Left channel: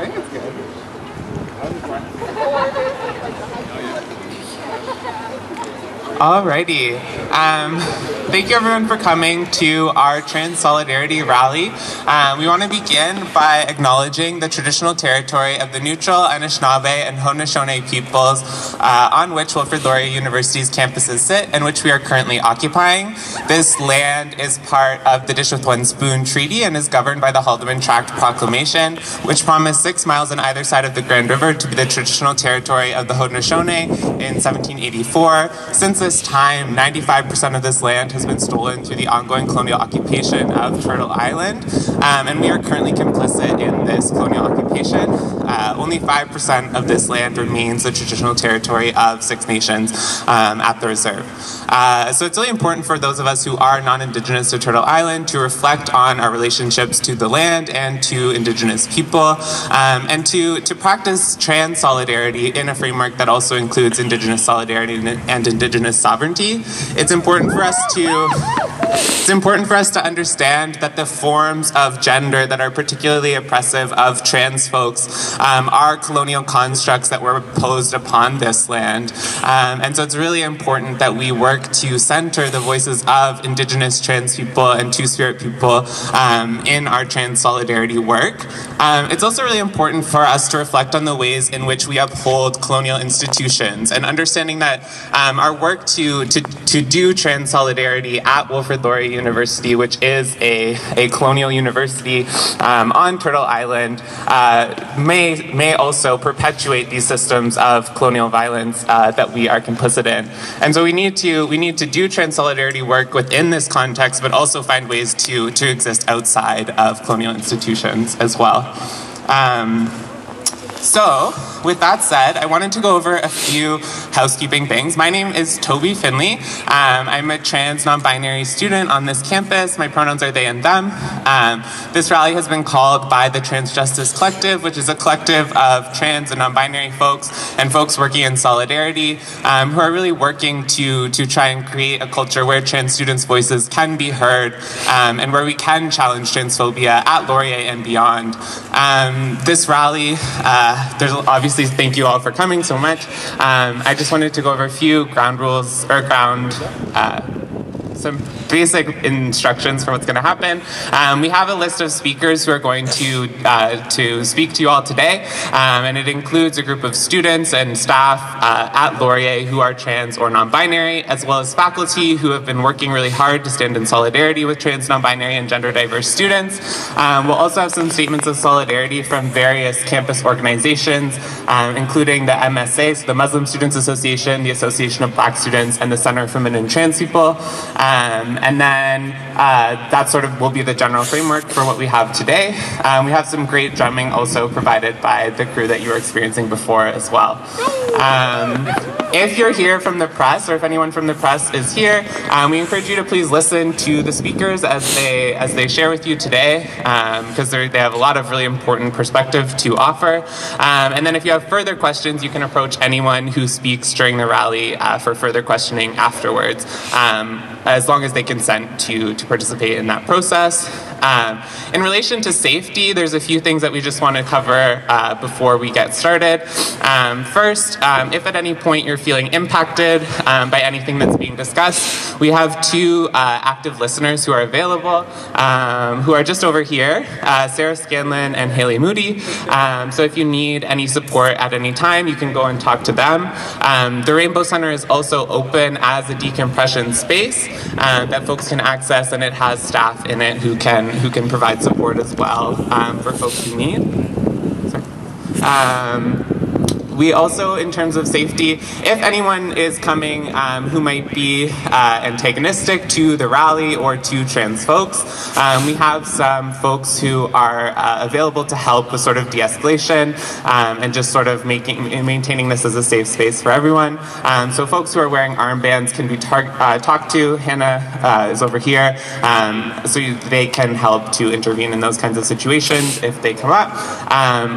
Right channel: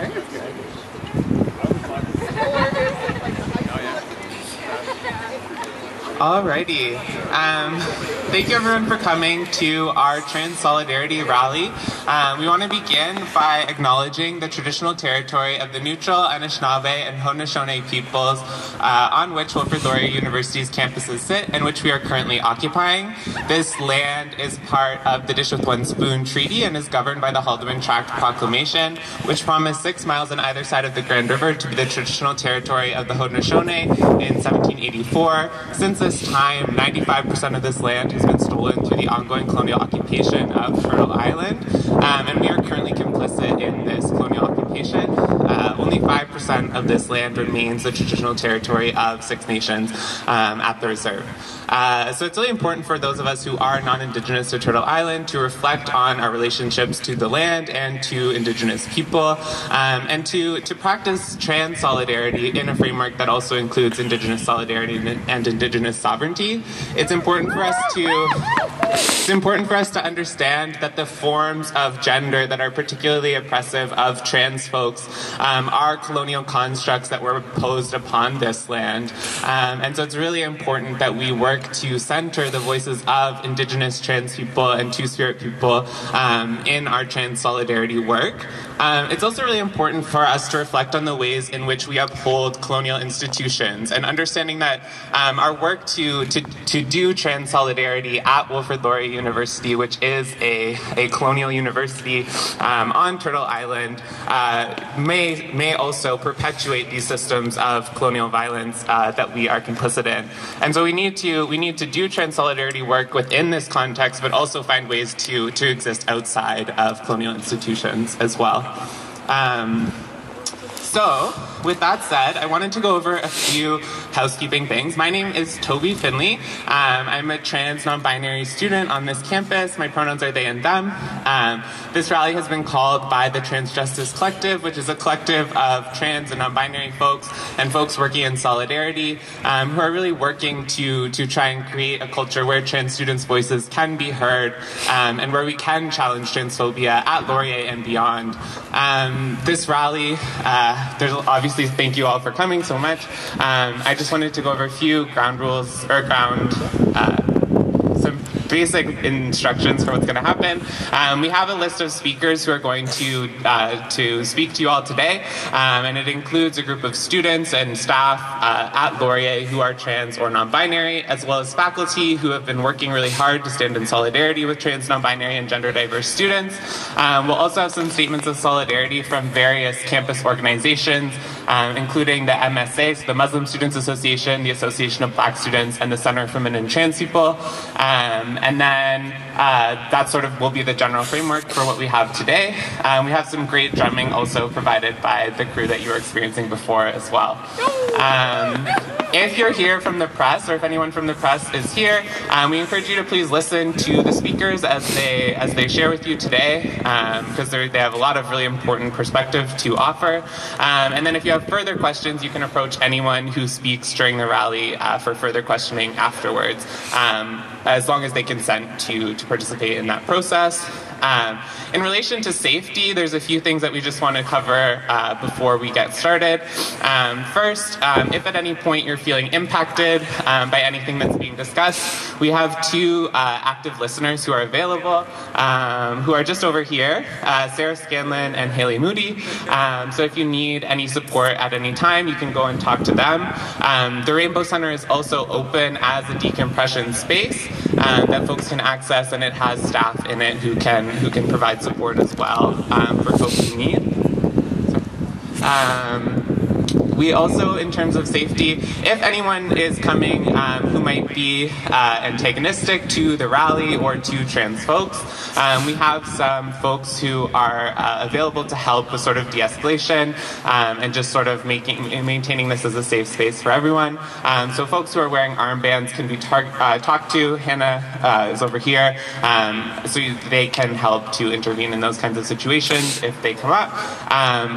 think it's good. Alrighty. Thank you everyone for coming to our Trans Solidarity Rally. We want to begin by acknowledging the traditional territory of the neutral Anishinaabe and Haudenosaunee peoples on which Wilfrid Laurier University's campuses sit and which we are currently occupying. This land is part of the Dish with One Spoon Treaty and is governed by the Haldeman Tract Proclamation, which promised 6 miles on either side of the Grand River to be the traditional territory of the Haudenosaunee in 1784. Since this time, 95% of this land has been stolen through the ongoing colonial occupation of Turtle Island, and we are currently complicit in this colonial occupation. Only 5% of this land remains the traditional territory of Six Nations at the reserve. So it's really important for those of us who are non-Indigenous to Turtle Island to reflect on our relationships to the land and to Indigenous people, and to practice trans solidarity in a framework that also includes Indigenous solidarity and Indigenous sovereignty. It's important for us to understand that the forms of gender that are particularly oppressive of trans folks are colonial constructs that were imposed upon this land. And so it's really important that we work to center the voices of Indigenous trans people and Two-Spirit people in our trans solidarity work. It's also really important for us to reflect on the ways in which we uphold colonial institutions and understanding that our work to do trans solidarity at Wilfrid Laurier University, which is a colonial university on Turtle Island, may also perpetuate these systems of colonial violence that we are complicit in. And so we need to do trans solidarity work within this context, but also find ways to exist outside of colonial institutions as well. So, with that said, I wanted to go over a few housekeeping things. My name is Toby Finley. I'm a trans non-binary student on this campus. My pronouns are they and them. This rally has been called by the Trans Justice Collective, which is a collective of trans and non-binary folks and folks working in solidarity who are really working to try and create a culture where trans students' voices can be heard and where we can challenge transphobia at Laurier and beyond. This rally, there's obviously thank you all for coming so much. I just wanted to go over a few ground rules, or some basic instructions for what's going to happen. We have a list of speakers who are going to speak to you all today, and it includes a group of students and staff at Laurier who are trans or non-binary, as well as faculty who have been working really hard to stand in solidarity with trans, non-binary, and gender diverse students. We'll also have some statements of solidarity from various campus organizations, including the MSA, so the Muslim Students Association, the Association of Black Students, and the Center for Women and Trans People. And then that sort of will be the general framework for what we have today. We have some great drumming also provided by the crew that you were experiencing before as well. If you're here from the press, or if anyone from the press is here, we encourage you to please listen to the speakers as they share with you today, because they have a lot of really important perspective to offer. And then if you have further questions, you can approach anyone who speaks during the rally for further questioning afterwards, as long as they consent to participate in that process. In relation to safety, there's a few things that we just want to cover before we get started. First, if at any point you're feeling impacted by anything that's being discussed, we have two active listeners who are available, who are just over here, Sarah Scanlon and Haley Moody. So if you need any support at any time, you can go and talk to them. The Rainbow Center is also open as a decompression space that folks can access, and it has staff in it who can provide support as well for folks who need. We also, in terms of safety, if anyone is coming who might be antagonistic to the rally or to trans folks, we have some folks who are available to help with sort of de-escalation and just sort of maintaining this as a safe space for everyone. So folks who are wearing armbands can be talked to. Hannah is over here, so they can help to intervene in those kinds of situations if they come up.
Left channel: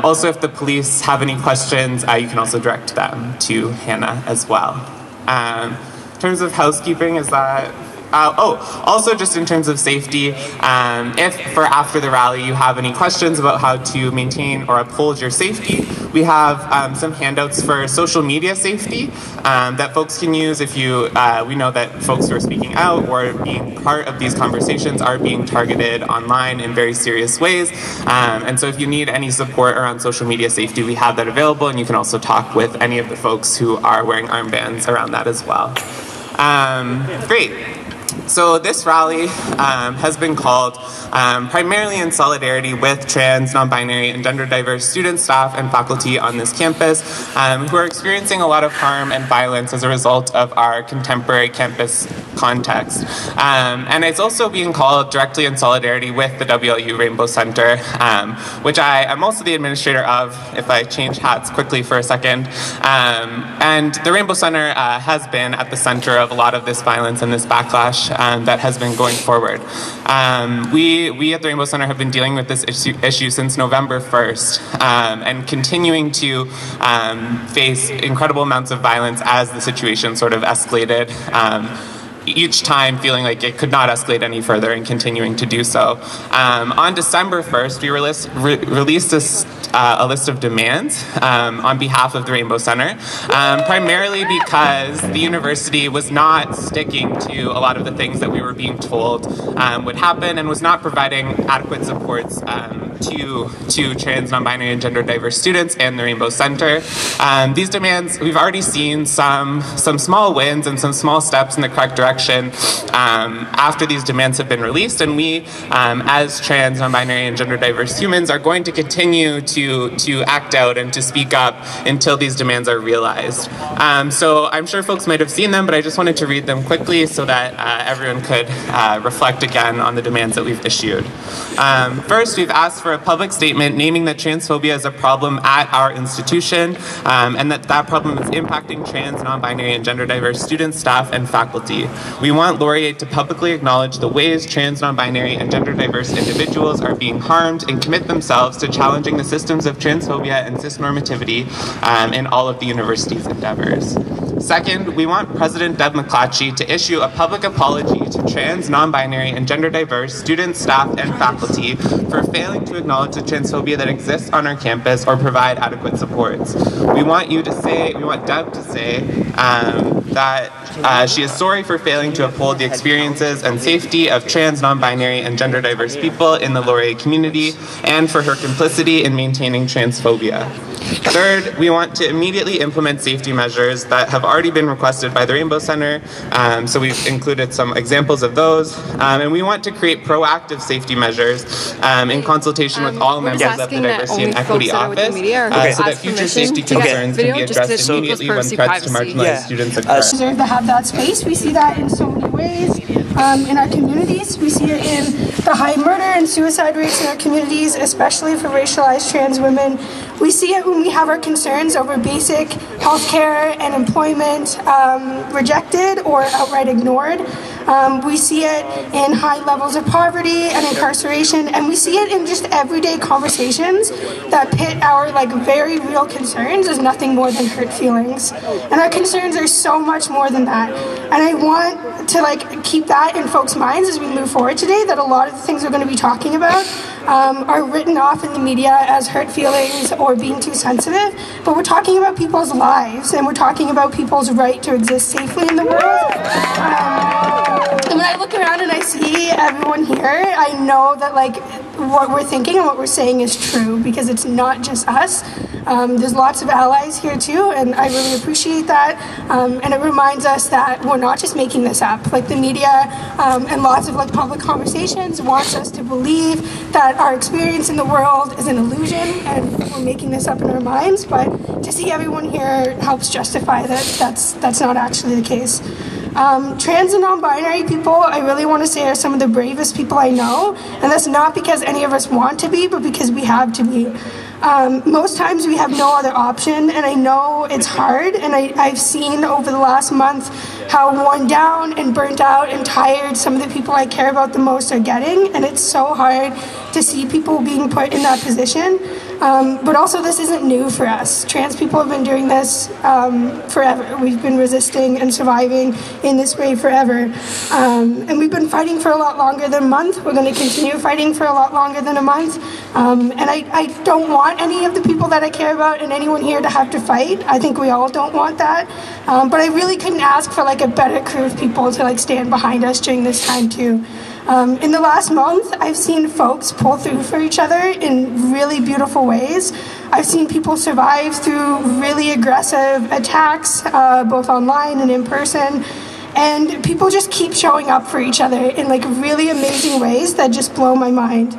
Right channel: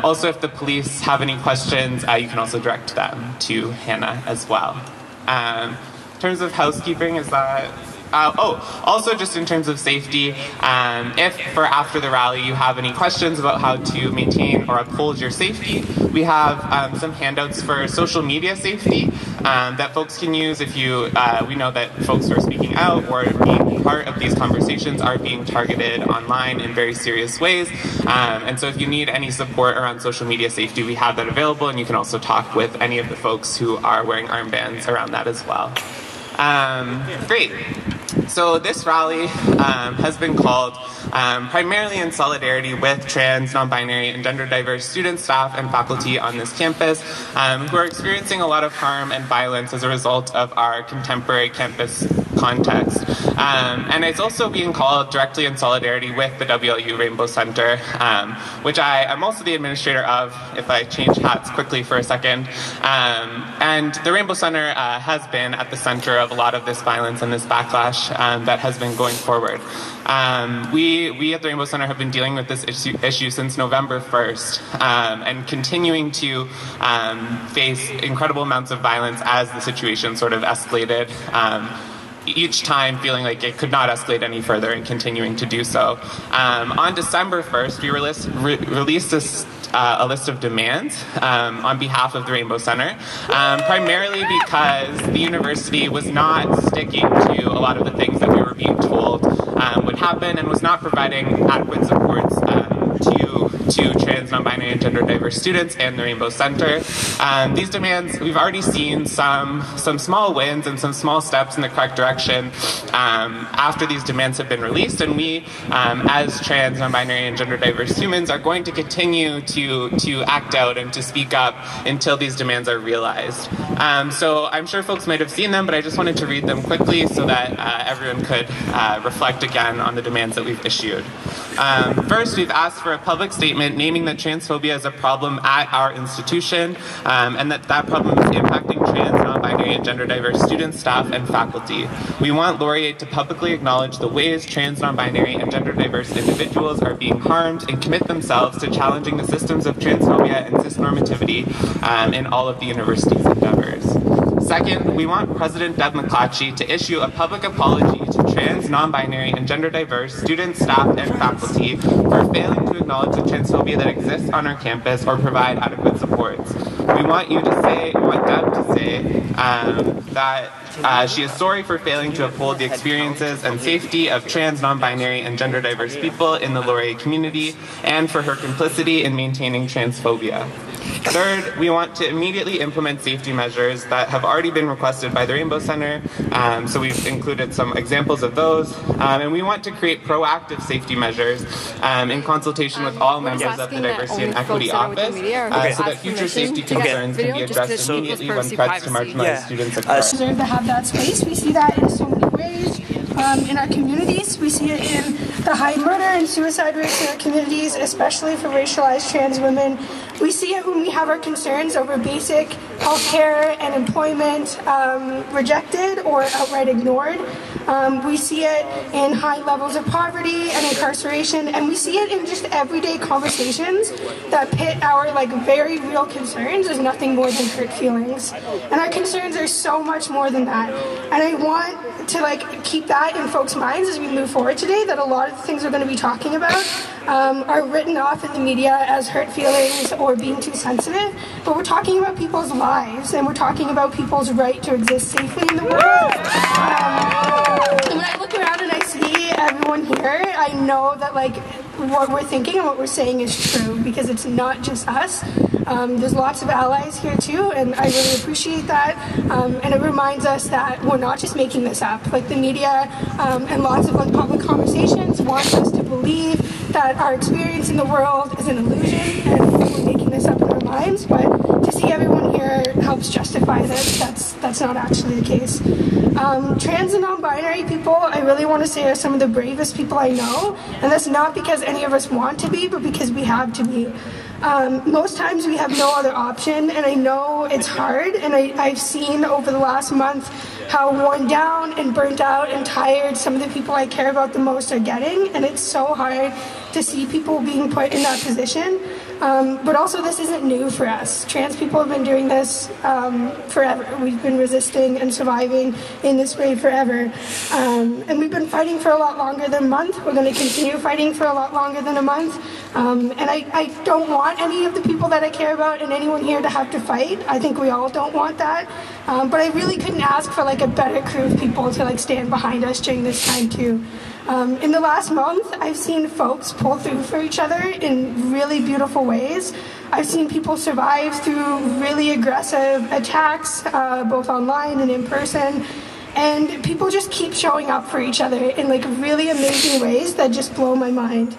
Also, if the police have any questions, you can also direct them to Hannah as well. In terms of housekeeping, is that Also just in terms of safety, if for after the rally you have any questions about how to maintain or uphold your safety, we have some handouts for social media safety that folks can use if you, we know that folks who are speaking out or being part of these conversations are being targeted online in very serious ways. And so if you need any support around social media safety, we have that available, and you can also talk with any of the folks who are wearing armbands around that as well. Great. So this rally has been called primarily in solidarity with trans, non-binary, and gender-diverse students, staff, and faculty on this campus who are experiencing a lot of harm and violence as a result of our contemporary campus context. And it's also being called directly in solidarity with the WLU Rainbow Center, which I am also the administrator of, if I change hats quickly for a second. And the Rainbow Center has been at the center of a lot of this violence and this backlash that has been going forward. We at the Rainbow Center have been dealing with this issue since November 1st and continuing to face incredible amounts of violence as the situation sort of escalated. Each time feeling like it could not escalate any further and continuing to do so. On December 1st, we released a list of demands on behalf of the Rainbow Center, primarily because the university was not sticking to a lot of the things that we were being told would happen and was not providing adequate supports to trans, non-binary, and gender-diverse students and the Rainbow Center. These demands, we've already seen some small wins and some small steps in the correct direction after these demands have been released, and we, as trans, non-binary, and gender-diverse humans, are going to continue to act out and to speak up until these demands are realized. So I'm sure folks might have seen them, but I just wanted to read them quickly so that everyone could reflect again on the demands that we've issued. First, we've asked for a public statement naming that transphobia is a problem at our institution, and that problem is impacting trans, non-binary, and gender-diverse students, staff, and faculty. We want Laurier to publicly acknowledge the ways trans, non-binary, and gender-diverse individuals are being harmed and commit themselves to challenging the systems of transphobia and cisnormativity in all of the university's endeavors. Second, we want President Deb McClatchy to issue a public apology to trans, non-binary, and gender-diverse students, staff, and faculty for failing to acknowledge the transphobia that exists on our campus or provide adequate supports. We want Deb to say that she is sorry for failing to uphold the experiences and safety of trans, non-binary, and gender-diverse people in the Laurier community, and for her complicity in maintaining transphobia. Third, we want to immediately implement safety measures that have already been requested by the Rainbow Center, so we've included some examples of those, and we want to create proactive safety measures in consultation with all members of the Diversity and Equity Office, so that future safety concerns can be addressed immediately when threats to marginalized students occur. Deserve to have that space. We see that in so many ways in our communities. We see it in the high murder and suicide rates in our communities, especially for racialized trans women. We see it when we have our concerns over basic healthcare and employment rejected or outright ignored. We see it in high levels of poverty and incarceration, and we see it in just everyday conversations that pit our very real concerns as nothing more than hurt feelings. And our concerns are so much more than that. And I want to keep that in folks' minds as we move forward today, that a lot of the things we're going to be talking about are written off in the media as hurt feelings or being too sensitive, but we're talking about people's lives, and we're talking about people's right to exist safely in the world. And when I look around and I see everyone here, I know that what we're thinking and what we're saying is true, because it's not just us. There's lots of allies here too, and I really appreciate that. And it reminds us that we're not just making this up. The media and lots of public conversations wants us to believe that our experience in the world is an illusion and we're making this up in our minds. But to see everyone here helps justify that that's not actually the case. Trans and non-binary people, I really want to say, are some of the bravest people I know, and that's not because any of us want to be, but because we have to be. Most times we have no other option, and I know it's hard, and I've seen over the last month how worn down and burnt out and tired some of the people I care about the most are getting, and it's so hard to see people being put in that position. But also this isn't new for us. Trans people have been doing this forever. We've been resisting and surviving in this way forever. And we've been fighting for a lot longer than a month. We're going to continue fighting for a lot longer than a month. And I don't want any of the people that I care about and anyone here to have to fight. I think we all don't want that. But I really couldn't ask for like a better crew of people to like stand behind us during this time too. In the last month, I've seen folks pull through for each other in really beautiful ways. I've seen people survive through really aggressive attacks, both online and in person. And people just keep showing up for each other in like really amazing ways that just blow my mind.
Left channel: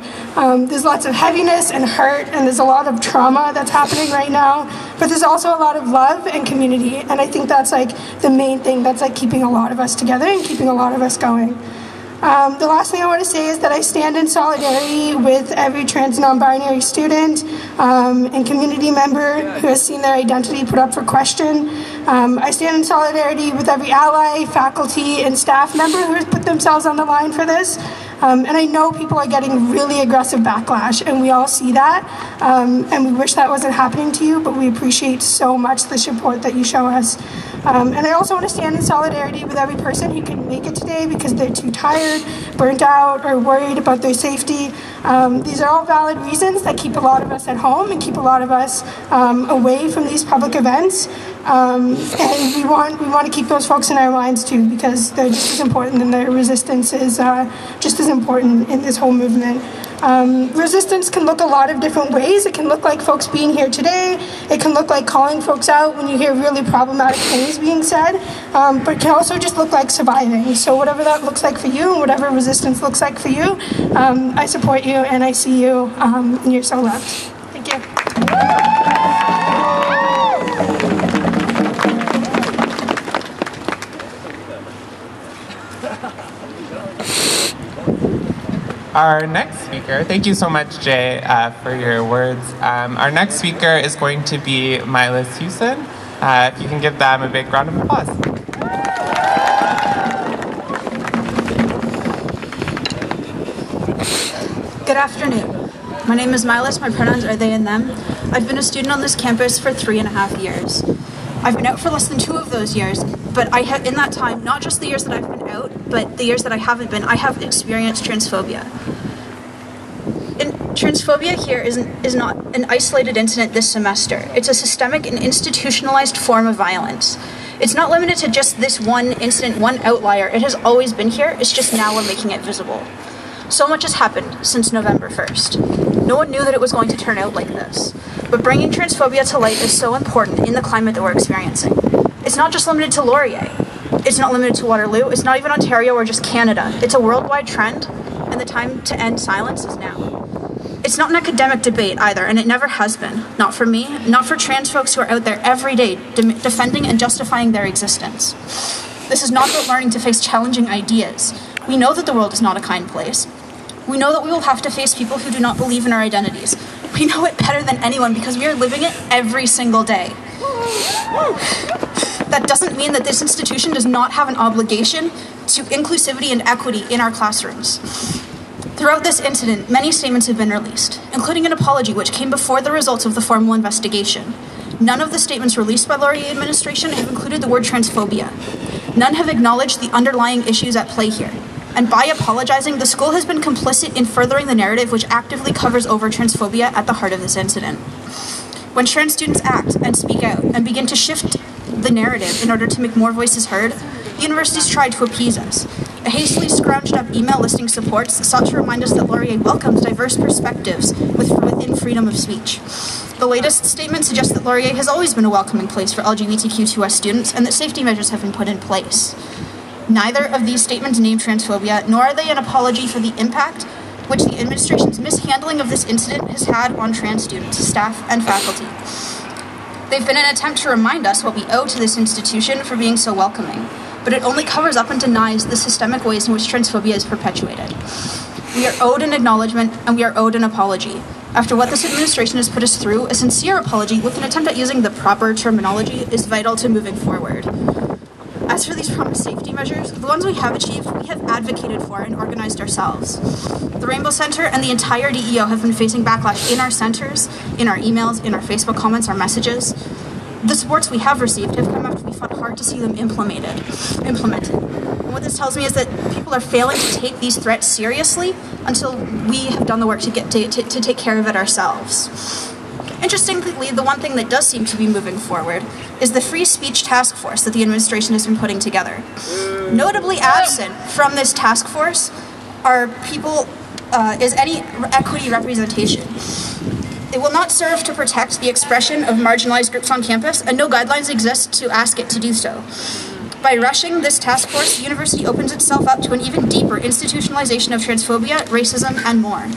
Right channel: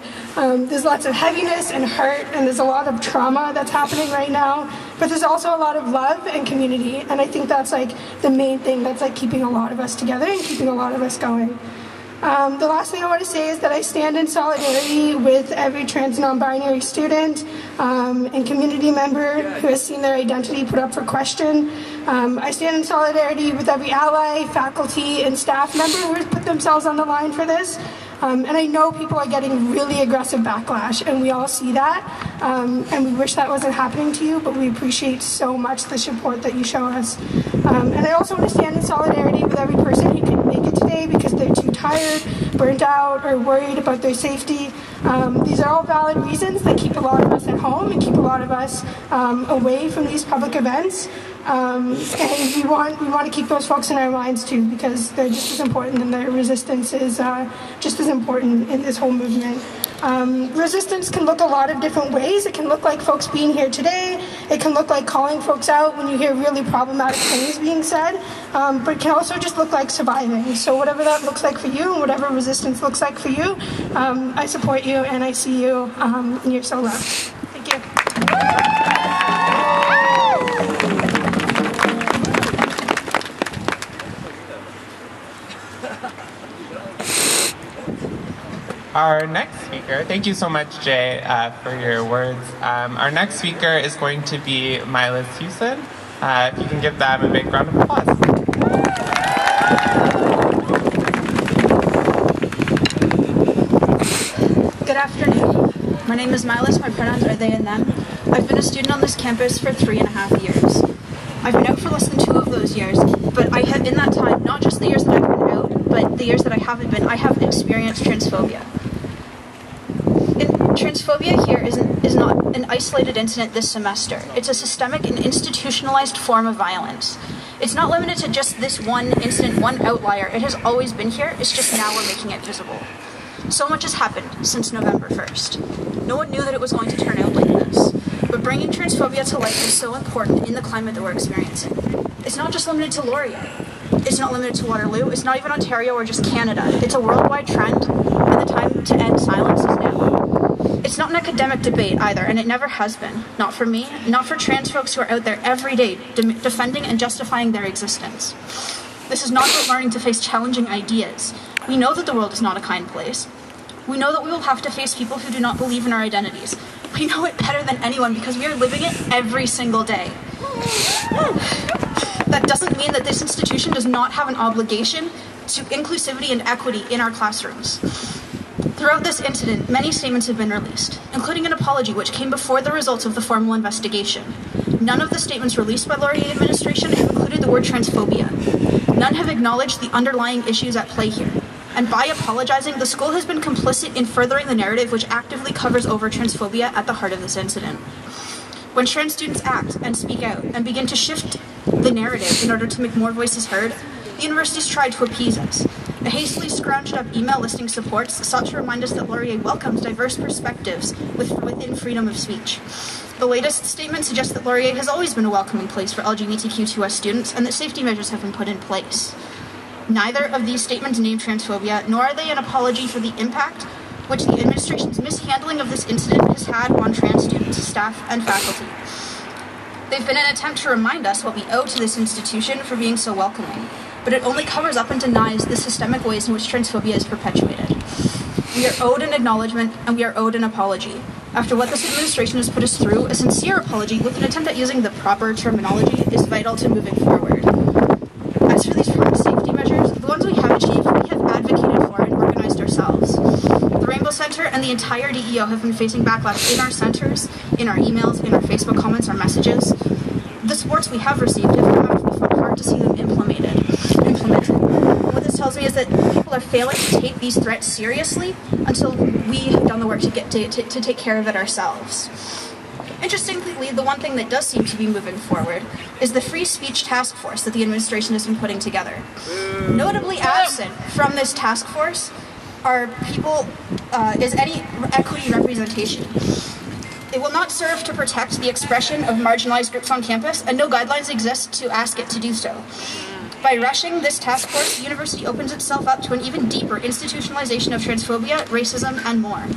There's lots of heaviness and hurt, and there's a lot of trauma that's happening right now, but there's also a lot of love and community, and I think that's like the main thing that's like keeping a lot of us together and keeping a lot of us going. The last thing I want to say is that I stand in solidarity with every trans non-binary student and community member who has seen their identity put up for question. I stand in solidarity with every ally, faculty, and staff member who has put themselves on the line for this. And I know people are getting really aggressive backlash, and we all see that. And we wish that wasn't happening to you, but we appreciate so much the support that you show us. And I also want to stand in solidarity with every person who couldn't make it today because they're too tired, burnt out, or worried about their safety. These are all valid reasons that keep a lot of us at home and keep a lot of us away from these public events. And we want to keep those folks in our minds too, because they're just as important, and their resistance is just as important in this whole movement. Resistance can look a lot of different ways. It can look like folks being here today. It can look like calling folks out when you hear really problematic things being said. But it can also just look like surviving. So whatever that looks like for you, and whatever resistance looks like for you, I support you and I see you, and you're so loved. Thank you. Our next speaker, thank you so much, Jay, for your words. Our next speaker is going to be Milas Houston. If you can give them a big round of applause. Good afternoon. My name is Milas. My pronouns are they and them. I've been a student on this campus for 3.5 years. I've been out for less than 2 of those years, but I have, in that time, not just the years that I've been out, but the years that I haven't been, I have experienced transphobia. Transphobia here is not an isolated incident this semester. It's a systemic and institutionalized form of violence. It's not limited to just this one incident, one outlier. It has always been here. It's just now we're making it visible. So much has happened since November 1st. No one knew that it was going to turn out like this. But bringing transphobia to light is so important in the climate that we're experiencing. It's not just limited to Laurier. It's not limited to Waterloo. It's not even Ontario or just Canada. It's a worldwide trend, and the time to end silence is now. It's not an academic debate either, and it never has been. Not for me, not for trans folks who are out there every day defending and justifying their existence. This is not about learning to face challenging ideas. We know that the world is not a kind place. We know that we will have to face people who do not believe in our identities. We know it better than anyone because we are living it every single day. That doesn't mean that this institution does not have an obligation to inclusivity and equity in our classrooms. Throughout this incident, many statements have been released, including an apology which came before the results of the formal investigation. None of the statements released by Laurier administration have included the word transphobia. None have acknowledged the underlying issues at play here. And by apologizing, the school has been complicit in furthering the narrative which actively covers over transphobia at the heart of this incident. When trans students act and speak out and begin to shift the narrative in order to make more voices heard, the universities tried to appease us. A hastily scrounged up email listing supports sought to remind us that Laurier welcomes diverse perspectives within freedom of speech. The latest statement suggests that Laurier has always been a welcoming place for LGBTQ2S students and that safety measures have been put in place. Neither of these statements name transphobia, nor are they an apology for the impact which the administration's mishandling of this incident has had on trans students, staff, and faculty. They've been an attempt to remind us what we owe to this institution for being so welcoming, but it only covers up and denies the systemic ways in which transphobia is perpetuated. We are owed an acknowledgement, and we are owed an apology. After what this administration has put us through, a sincere apology with an attempt at using the proper terminology is vital to moving forward. As for these promised safety measures, the ones we have achieved, we have advocated for and organized ourselves. The Rainbow Center and the entire DEO have been facing backlash in our centers, in our emails, in our Facebook comments, our messages. The supports we have received have come out to be fought hard to see them implemented. What this tells me is that people are failing to take these threats seriously until we have done the work to take care of it ourselves. Interestingly, the one thing that does seem to be moving forward is the free speech task force that the administration has been putting together. Notably absent from this task force are people, is any equity representation. It will not serve to protect the expression of marginalized groups on campus, and no guidelines exist to ask it to do so. By rushing this task force, the university opens itself up to an even deeper institutionalization of transphobia, racism, and more.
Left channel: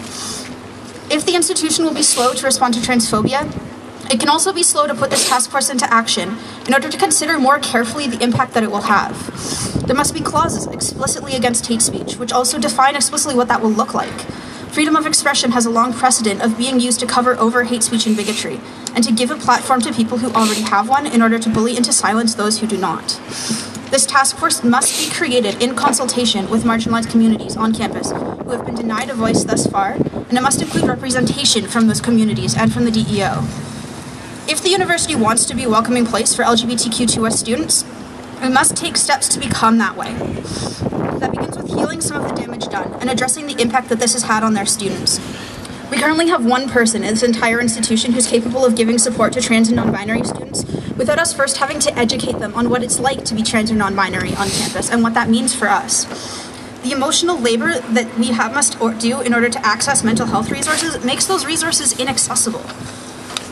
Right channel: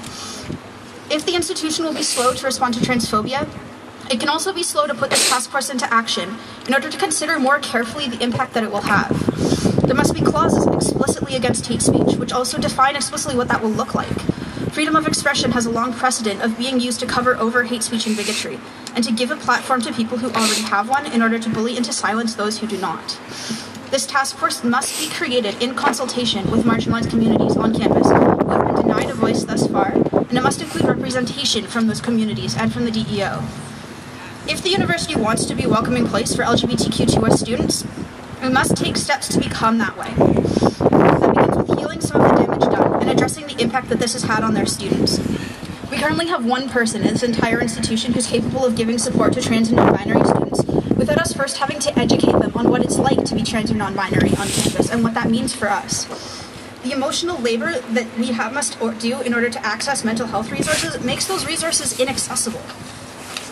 If the institution will be slow to respond to transphobia, it can also be slow to put this task force into action in order to consider more carefully the impact that it will have. There must be clauses explicitly against hate speech, which also define explicitly what that will look like. Freedom of expression has a long precedent of being used to cover over hate speech and bigotry, and to give a platform to people who already have one in order to bully into silence those who do not. This task force must be created in consultation with marginalized communities on campus who have been denied a voice thus far, and it must include representation from those communities and from the DEO. If the university wants to be a welcoming place for LGBTQ2S students, we must take steps to become that way. That begins with healing some of the damage done and addressing the impact that this has had on their students. We currently have one person in this entire institution who's capable of giving support to trans and non-binary students without us first having to educate them on what it's like to be trans or non-binary on campus and what that means for us. The emotional labor that we must do in order to access mental health resources makes those resources inaccessible.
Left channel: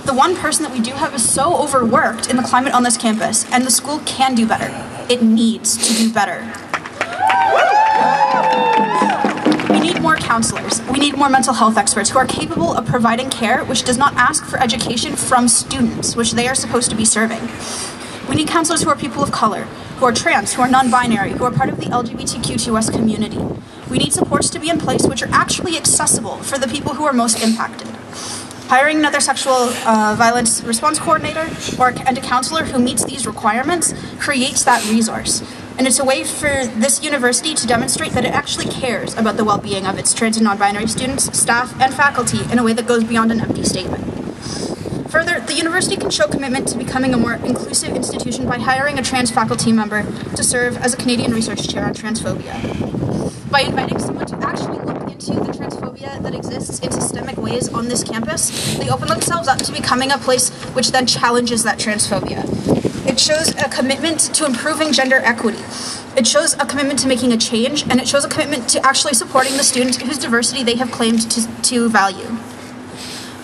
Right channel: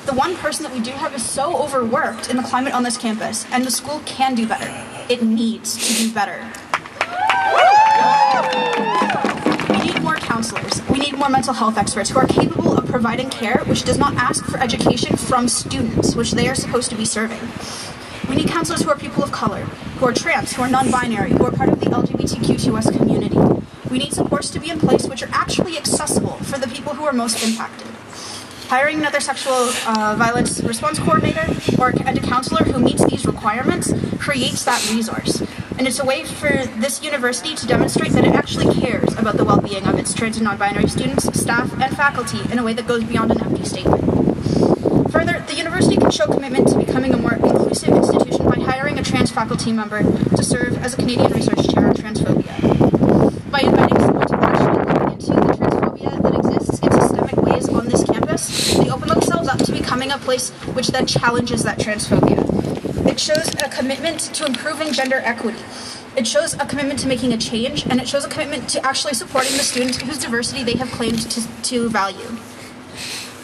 The one person that we do have is so overworked in the climate on this campus, and the school can do better. It needs to do better. We need more counselors. We need more mental health experts who are capable of providing care which does not ask for education from students, which they are supposed to be serving. We need counselors who are people of color, who are trans, who are non-binary, who are part of the LGBTQ2S community. We need supports to be in place which are actually accessible for the people who are most impacted. Hiring another sexual violence response coordinator and a counselor who meets these requirements creates that resource. And it's a way for this university to demonstrate that it actually cares about the well-being of its trans and non-binary students, staff, and faculty in a way that goes beyond an empty statement. Further, the university can show commitment to becoming a more inclusive institution by hiring a trans faculty member to serve as a Canadian Research Chair on transphobia. By inviting someone to actually look into the transphobia that exists in systemic ways on this campus, they open themselves up to becoming a place which then challenges that transphobia. It shows a commitment to improving gender equity. It shows a commitment to making a change, and it shows a commitment to actually supporting the students whose diversity they have claimed to value.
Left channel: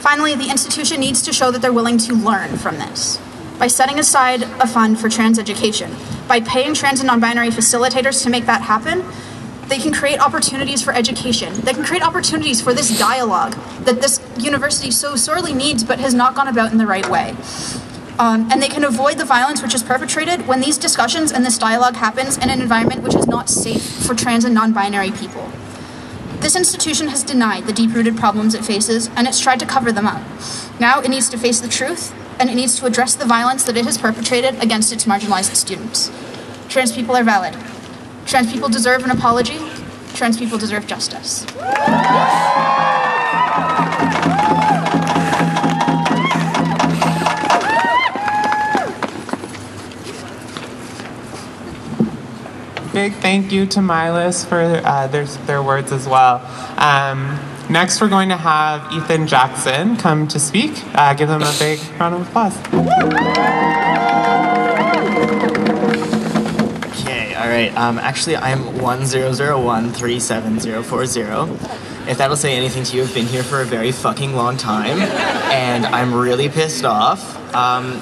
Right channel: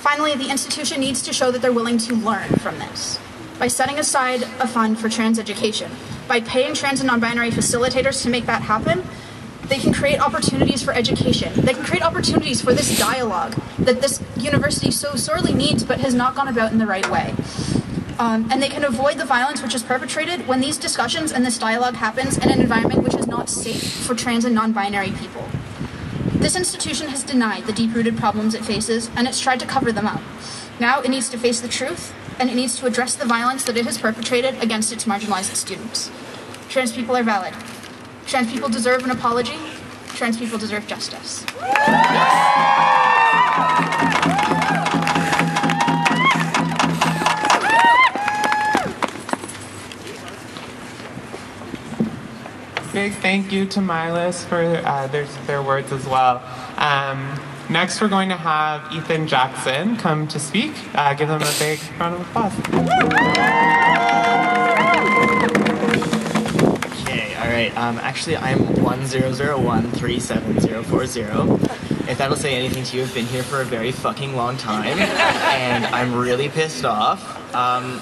Finally, the institution needs to show that they're willing to learn from this. By setting aside a fund for trans education, by paying trans and non-binary facilitators to make that happen, they can create opportunities for education. They can create opportunities for this dialogue that this university so sorely needs but has not gone about in the right way. And they can avoid the violence which is perpetrated when these discussions and this dialogue happens in an environment which is not safe for trans and non-binary people. This institution has denied the deep-rooted problems it faces, and it's tried to cover them up. Now it needs to face the truth, and it needs to address the violence that it has perpetrated against its marginalized students. Trans people are valid. Trans people deserve an apology. Trans people deserve justice. Big thank you to Milas for their words as well. Next, we're going to have Ethan Jackson come to speak. Give them a big round of applause. Okay, all right. Actually, I'm 10013740. If that'll say anything to you, I've been here for a very fucking long time, and I'm really pissed off.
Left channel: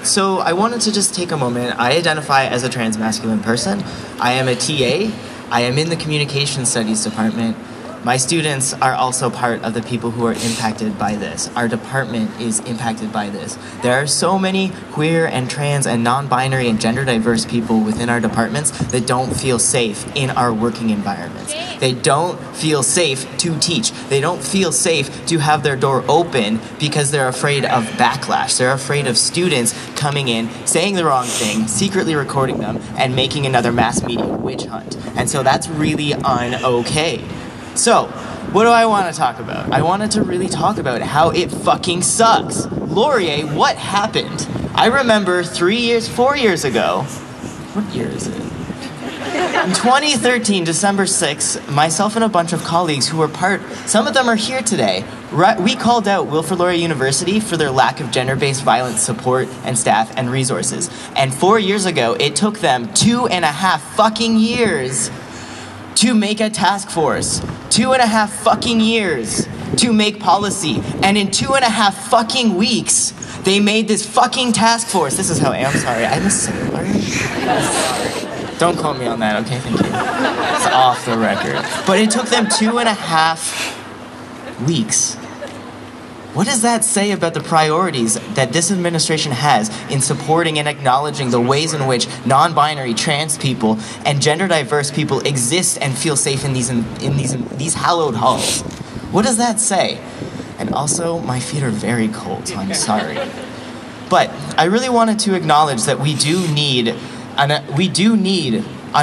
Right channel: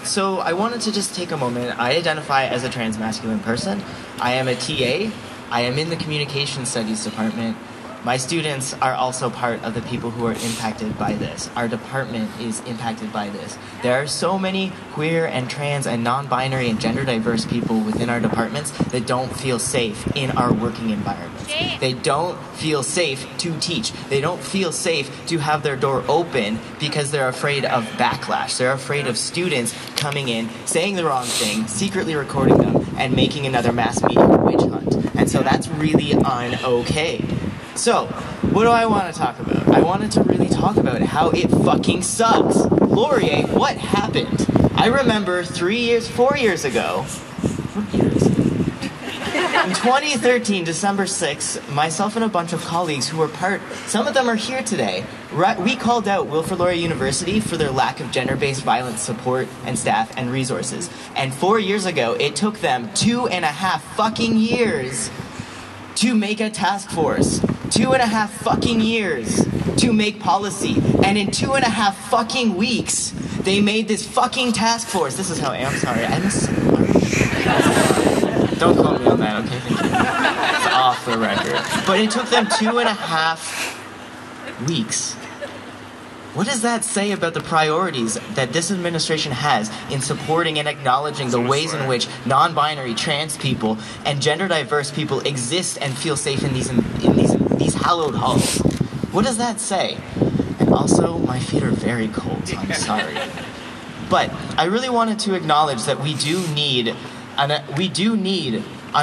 So I wanted to just take a moment. I identify as a transmasculine person. I am a TA. I am in the communication studies department. My students are also part of the people who are impacted by this. Our department is impacted by this. There are so many queer and trans and non-binary and gender diverse people within our departments that don't feel safe in our working environments. They don't feel safe to teach. They don't feel safe to have their door open because they're afraid of backlash. They're afraid of students coming in, saying the wrong thing, secretly recording them, and making another mass media witch hunt. And so that's really un-okay. So, what do I want to talk about? I wanted to really talk about how it fucking sucks. Laurier, what happened? I remember 4 years ago, what year is it? In 2013, December 6th, myself and a bunch of colleagues who were some of them are here today, we called out Wilfrid Laurier University for their lack of gender-based violence support and staff and resources. And 4 years ago, it took them 2.5 fucking years to make a task force. 2.5 fucking years to make policy. And in 2.5 fucking weeks, they made this fucking task force. This is how I'm sorry. I must say, don't quote me on that, okay? Thank you. It's off the record. But it took them 2.5 weeks. What does that say about the priorities that this administration has in supporting and acknowledging the ways in which non-binary, trans people, and gender-diverse people exist and feel safe in these hallowed halls? What does that say? And also, my feet are very cold, so I'm sorry. But I really wanted to acknowledge that we do need an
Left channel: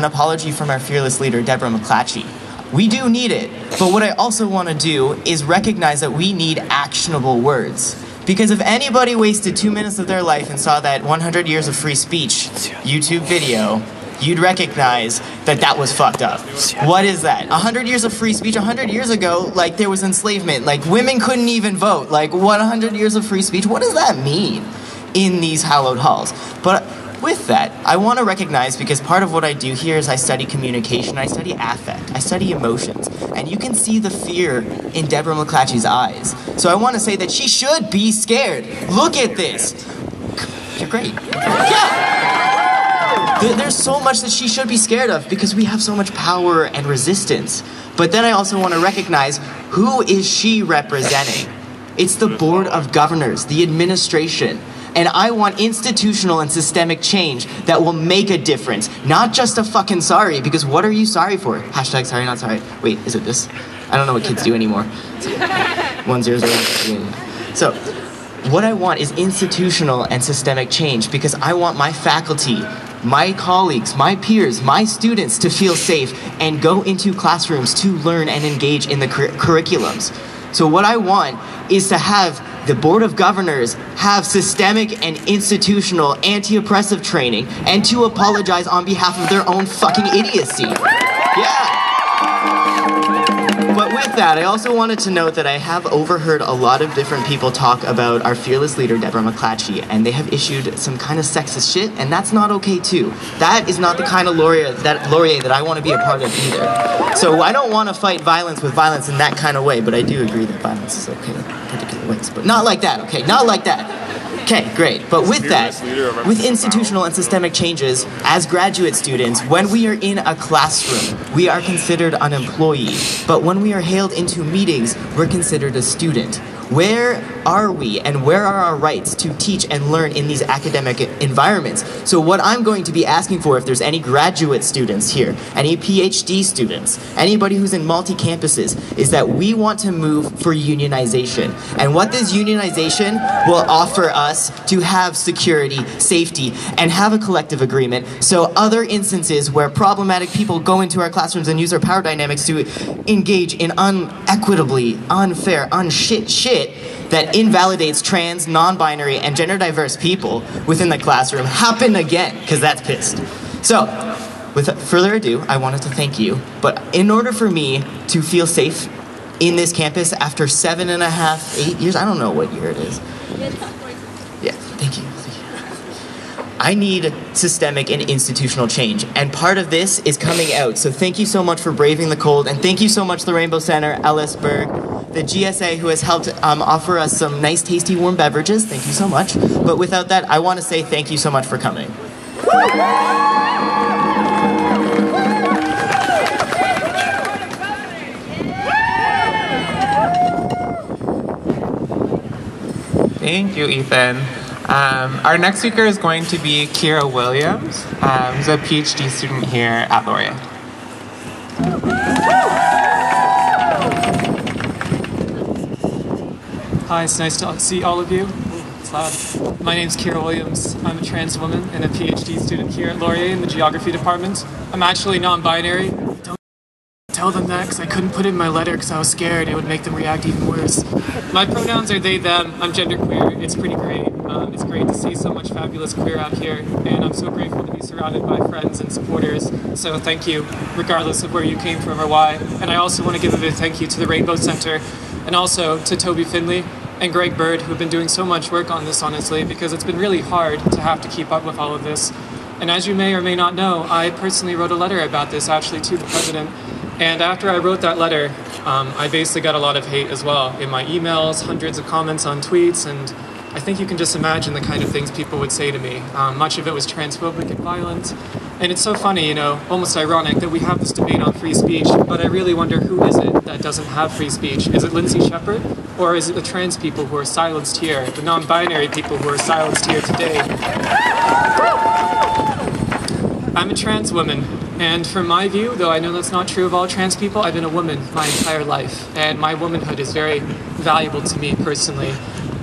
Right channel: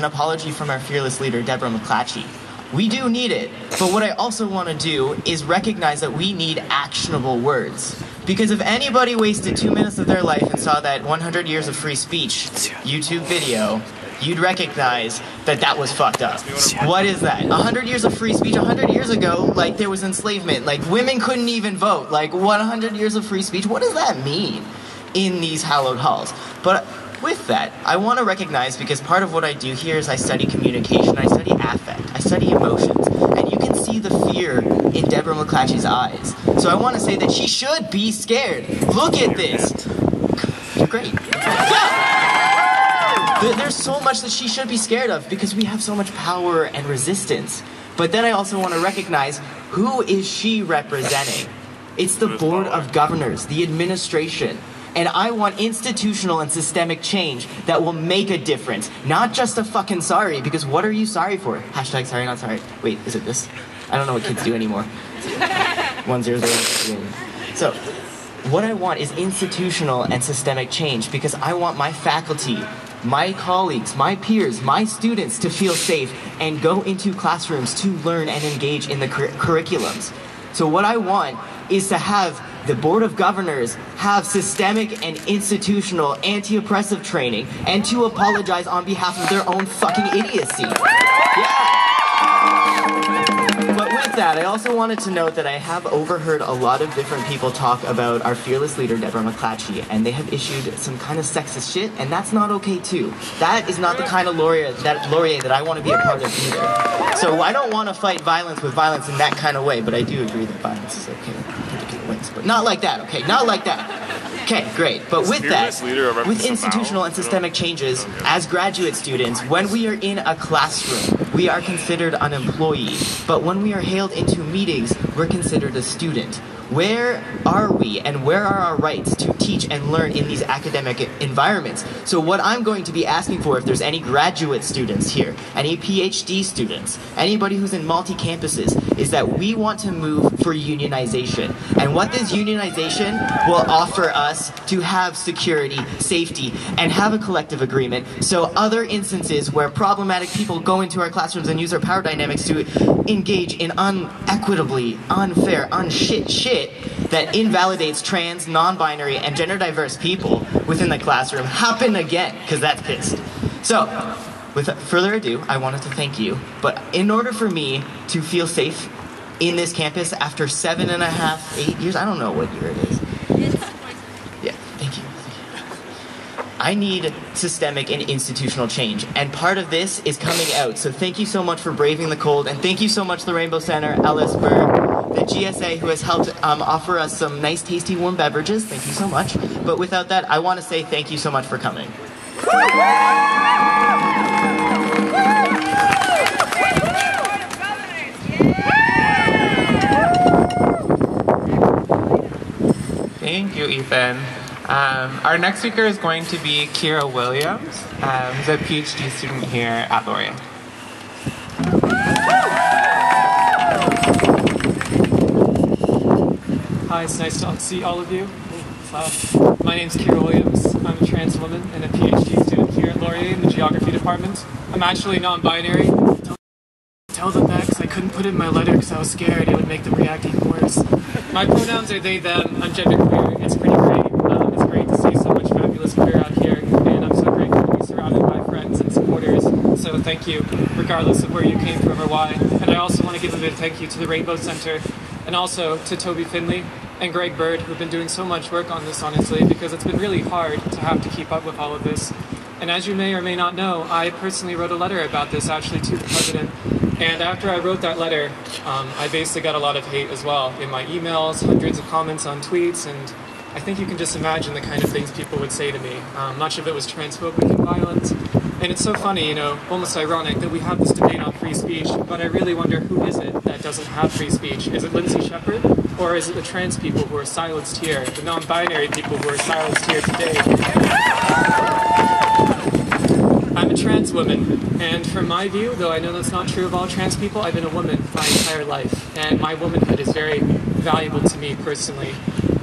apology from our fearless leader, Deborah McClatchy. We do need it, but what I also want to do is recognize that we need actionable words. Because if anybody wasted 2 minutes of their life and saw that 100 Years of Free Speech YouTube video, you'd recognize that that was fucked up. What is that? 100 years of free speech? 100 years ago, like, there was enslavement. Like, women couldn't even vote. Like, 100 years of free speech? What does that mean in these hallowed halls? But with that, I want to recognize, because part of what I do here is I study communication, I study affect, I study emotions, and you can see the fear in Deborah McClatchy's eyes. So I want to say that she should be scared. Look at this. You're great. Yeah. There's so much that she should be scared of because we have so much power and resistance. But then I also want to recognize, who is she representing? It's the Board of Governors, the administration. And I want institutional and systemic change that will make a difference. Not just a fucking sorry, because what are you sorry for? Hashtag sorry, not sorry. Wait, is it this? I don't know what kids do anymore. 100. So, what I want is institutional and systemic change, because I want my faculty, my colleagues, my peers, my students to feel safe and go into classrooms to learn and engage in the curriculums. So what I want is to have the Board of Governors have systemic and institutional anti-oppressive training and to apologize on behalf of their own fucking idiocy. Yeah. But with that, I also wanted to note that I have overheard a lot of different people talk about our fearless leader, Deborah McClatchy, and they have issued some kind of sexist shit, and that's not okay too. That is not the kind of Laurier that I want to be a part of either. So I don't want to fight violence with violence in that kind of way, but I do agree that violence is okay in particular ways. But not like that, okay? Not like that. Okay, great. But with that, with institutional and systemic changes, as graduate students, when we are in a classroom, we are considered an employee. But when we are hailed into meetings, we're considered a student. Where are we and where are our rights to teach and learn in these academic environments? So what I'm going to be asking for, if there's any graduate students here, any PhD students, anybody who's in multi-campuses, is that we want to move for unionization. And what this unionization will offer us to have security, safety, and have a collective agreement, so other instances where problematic people go into our classrooms and use their power dynamics to engage in unequitably, unfair, unshit shit that invalidates trans, non-binary, and gender-diverse people within the classroom happen again, because that's pissed. So, without further ado, I wanted to thank you, but in order for me to feel safe in this campus after 7.5, 8 years, I don't know what year it is. Yeah, thank you. I need systemic and institutional change, and part of this is coming out. So thank you so much for braving the cold, and thank you so much to the Rainbow Center, Ellis Burr, the GSA, who has helped offer us some nice, tasty, warm beverages. Thank you so much. But without that, I want to say thank you so much for coming. Thank you, Ethan. Our next speaker is going to be Kira Williams, who's a PhD student here at Laurier. Hi, it's nice to see all of you. It's loud. My name's Kira Williams. I'm a trans woman and a PhD student here at Laurier in the geography department. I'm actually non-binary. Don't tell them that because I couldn't put it in my letter because I was scared it would make them react even worse. My pronouns are they, them. I'm genderqueer. It's pretty great. It's great to see so much fabulous queer out here, and I'm so grateful to be surrounded by friends and supporters. So thank you, regardless of where you came from or why. And I also want to give a big thank you to the Rainbow Center, and also to Toby Finley and Greg Bird, who've been doing so much work on this, honestly, because it's been really hard to have to keep up with all of this. And as you may or may not know, I personally wrote a letter about this, actually, to the president. And after I wrote that letter, I basically got a lot of hate as well in my emails, hundreds of comments on tweets, and I think you can just imagine the kind of things people would say to me. Much of it was transphobic and violent. And it's so funny, you know, almost ironic that we have this debate on free speech, but I really wonder who is it that doesn't have free speech? Is it Lindsay Shepherd? Or is it the trans people who are silenced here, the non-binary people who are silenced here today? I'm a trans woman, and from my view, though I know that's not true of all trans people, I've been a woman my entire life, and my womanhood is very valuable to me personally.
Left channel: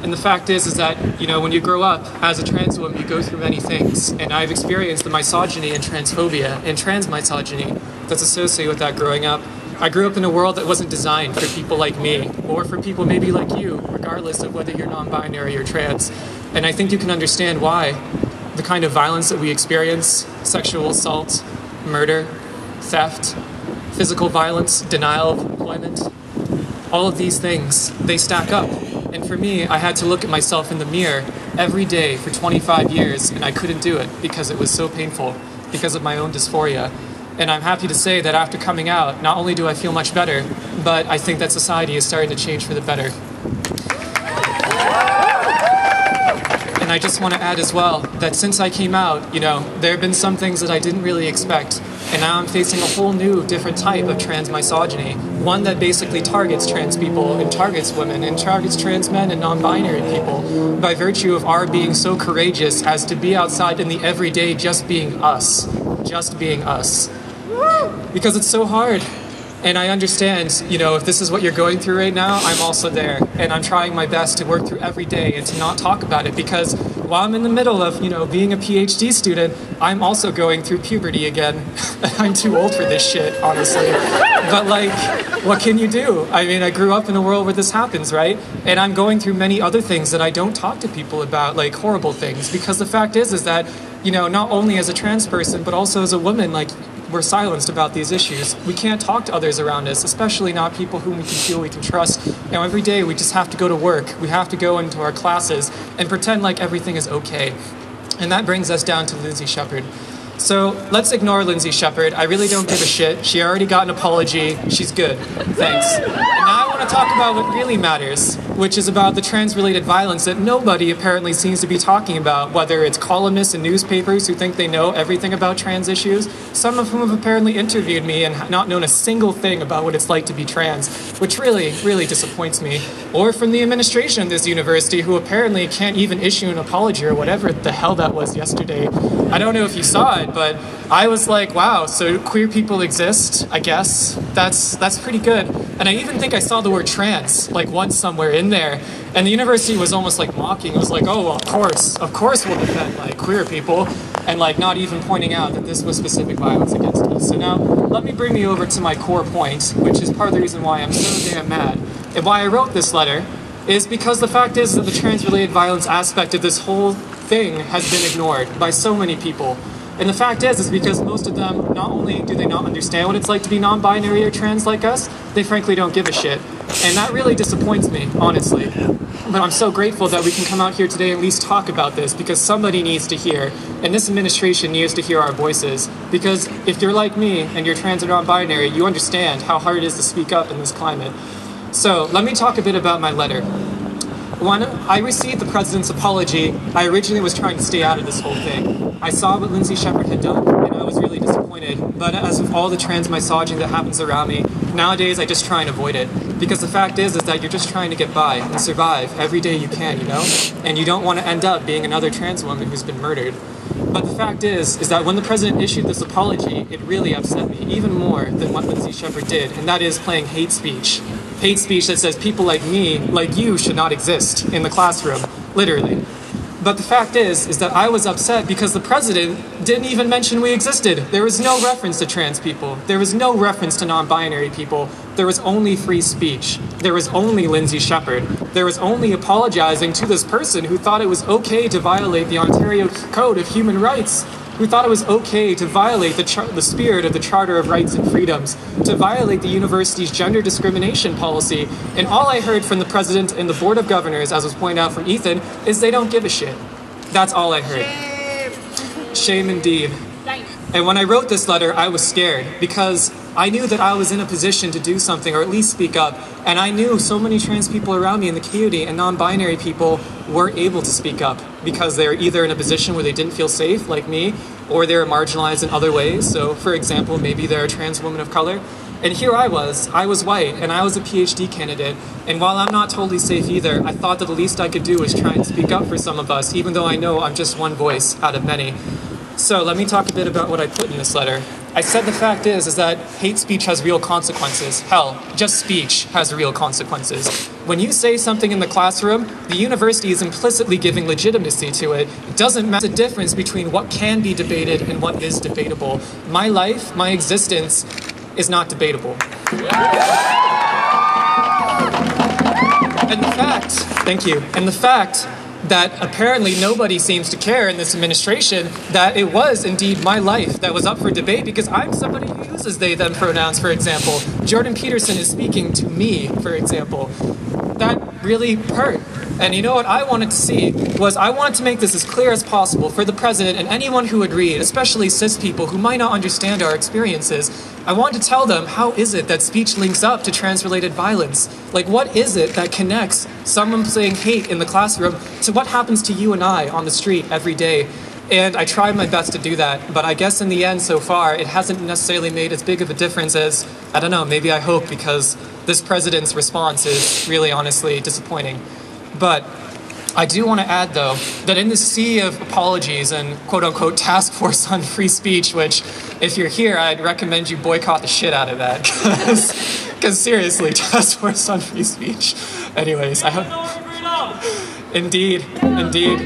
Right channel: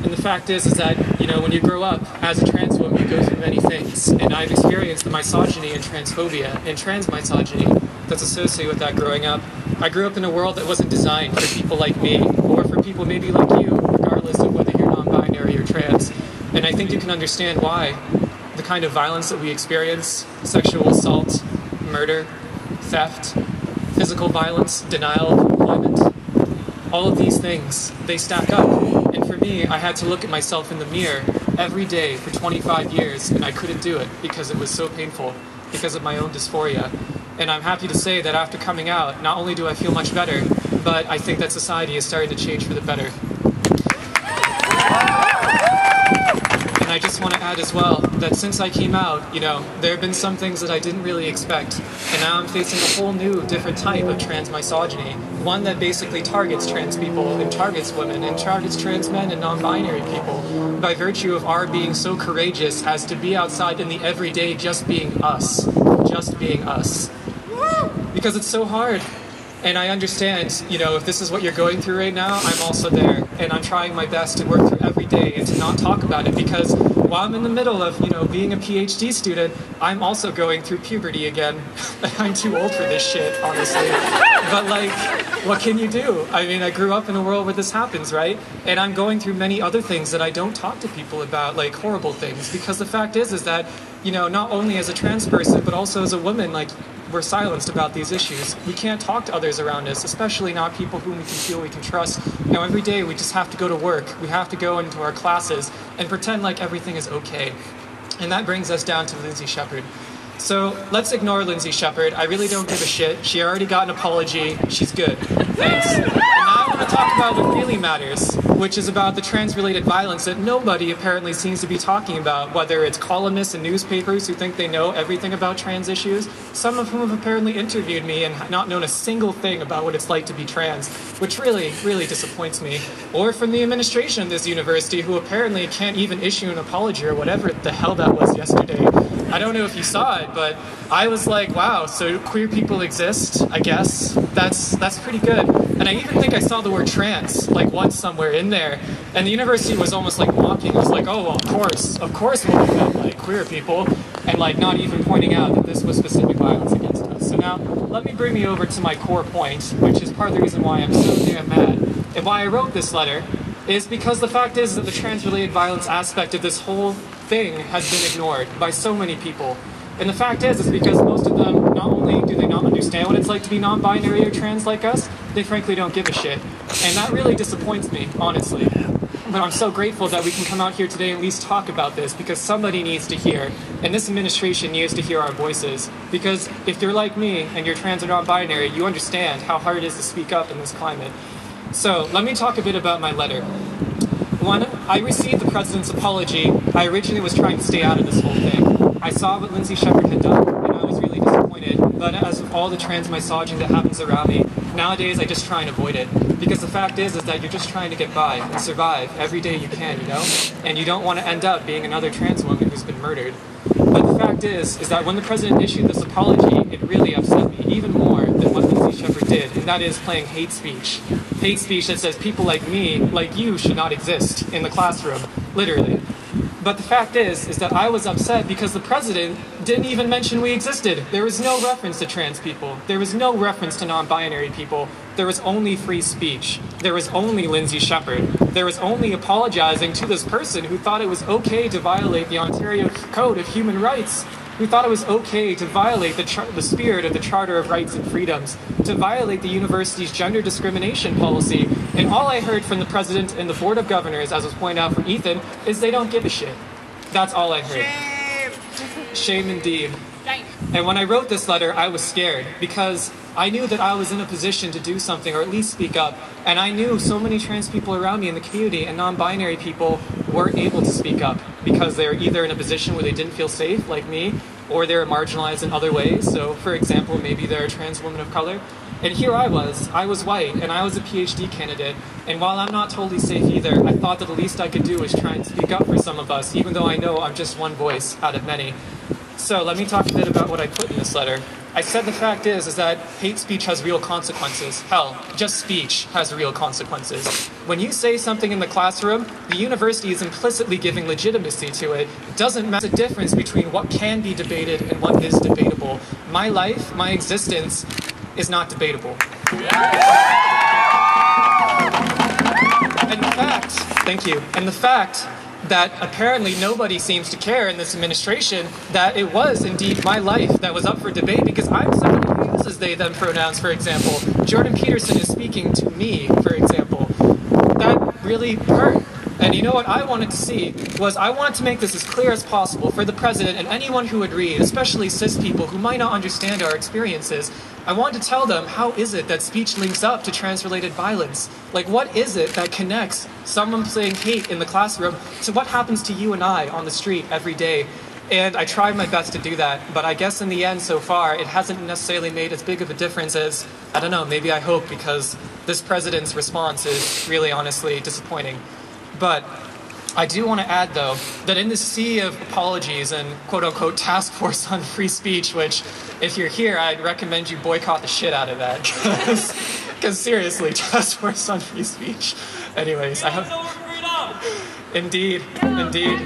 And the fact is that, you know, when you grow up as a trans woman, you go through many things, and I've experienced the misogyny and transphobia and trans misogyny that's associated with that growing up. I grew up in a world that wasn't designed for people like me, or for people maybe like you, regardless of whether you're non-binary or trans. And I think you can understand why the kind of violence that we experience, sexual assault, murder, theft, physical violence, denial of employment, all of these things, they stack up. And for me, I had to look at myself in the mirror every day for 25 years, and I couldn't do it because it was so painful, because of my own dysphoria. And I'm happy to say that after coming out, not only do I feel much better, but I think that society is starting to change for the better. And I just want to add as well that since I came out, you know, there have been some things that I didn't really expect. And now I'm facing a whole new, different type of trans misogyny. One that basically targets trans people and targets women and targets trans men and non-binary people by virtue of our being so courageous as to be outside in the everyday just being us. Just being us. Because it's so hard. And I understand, you know, if this is what you're going through right now, I'm also there. And I'm trying my best to work through every day and to not talk about it because while I'm in the middle of, you know, being a PhD student, I'm also going through puberty again. I'm too old for this shit, honestly. But like, what can you do? I mean, I grew up in a world where this happens, right? And I'm going through many other things that I don't talk to people about, like horrible things. Because the fact is that, you know, not only as a trans person, but also as a woman, like, we're silenced about these issues. We can't talk to others around us, especially not people whom we can feel we can trust. You know, every day we just have to go to work. We have to go into our classes and pretend like everything is okay. And that brings us down to Lindsay Shepherd. So let's ignore Lindsay Shepherd. I really don't give a shit. She already got an apology. She's good. Thanks. And now I want to talk about what really matters, which is about the trans-related violence that nobody apparently seems to be talking about, whether it's columnists and newspapers who think they know everything about trans issues, some of whom have apparently interviewed me and not known a single thing about what it's like to be trans, which really, really disappoints me. Or from the administration of this university, who apparently can't even issue an apology or whatever the hell that was yesterday. I don't know if you saw it, but I was like, wow, so queer people exist, I guess. That's pretty good. And I even think I saw the word trans, like once somewhere in there. And the university was almost like mocking. It was like, oh, well, of course we'll defend like queer people. And like not even pointing out that this was specific violence against us. So now, let me bring me over to my core point, which is part of the reason why I'm so damn mad. And why I wrote this letter is because the fact is that the trans-related violence aspect of this whole thing has been ignored by so many people. And the fact is because most of them, not only do they not understand what it's like to be non-binary or trans like us, they frankly don't give a shit. And that really disappoints me, honestly. But I'm so grateful that we can come out here today and at least talk about this, because somebody needs to hear, and this administration needs to hear our voices. Because if you're like me and you're trans or non-binary, you understand how hard it is to speak up in this climate. So let me talk a bit about my letter. When I received the president's apology, I originally was trying to stay out of this whole thing. I saw what Lindsay Shepherd had done, and I was really disappointed. But as with all the trans misogyny that happens around me, nowadays I just try and avoid it. Because the fact is that you're just trying to get by and survive every day you can, you know? And you don't want to end up being another trans woman who's been murdered. But the fact is that when the president issued this apology, it really upset me, even more than what Lindsay Shepherd did, and that is playing hate speech. Hate speech that says people like me, like you, should not exist in the classroom, literally. But the fact is that I was upset because the president didn't even mention we existed. There was no reference to trans people. There was no reference to non-binary people. There was only free speech. There was only Lindsay Shepherd. There was only apologizing to this person who thought it was okay to violate the Ontario Code of Human Rights, who thought it was okay to violate the spirit of the Charter of Rights and Freedoms, to violate the university's gender discrimination policy. And all I heard from the president and the board of governors, as was pointed out from Ethan, is they don't give a shit. That's all I heard. Shame indeed. And when I wrote this letter, I was scared because I knew that I was in a position to do something, or at least speak up. And I knew so many trans people around me in the community and non-binary people were able to speak up because they're either in a position where they didn't feel safe, like me, or they're marginalized in other ways. So, for example, maybe they're a trans woman of color. And here I was white, and I was a PhD candidate. And while I'm not totally safe either, I thought that the least I could do was try and speak up for some of us, even though I know I'm just one voice out of many. So let me talk a bit about what I put in this letter. I said the fact is that hate speech has real consequences. Hell, just speech has real consequences. When you say something in the classroom, the university is implicitly giving legitimacy to it. It doesn't matter the difference between what can be debated and what is debatable. My life, my existence, is not debatable. And the fact, thank you, and the fact that apparently nobody seems to care in this administration that it was indeed my life that was up for debate, because I'm somebody who uses they, them pronouns, for example. Jordan Peterson is speaking to me, for example. That really hurt. And you know what I wanted to see was I wanted to make this as clear as possible for the president and anyone who would read, especially cis people who might not understand our experiences. I wanted to tell them, how is it that speech links up to trans-related violence? Like, what is it that connects someone saying hate in the classroom to what happens to you and I on the street every day? And I tried my best to do that, but I guess in the end so far, it hasn't necessarily made as big of a difference as, I don't know, maybe I hope, because this president's response is really honestly disappointing. But I do want to add, though, that in the sea of apologies and quote-unquote task force on free speech, which, if you're here, I'd recommend you boycott the shit out of that, because seriously, task force on free speech. Anyways, I hope... Indeed, indeed.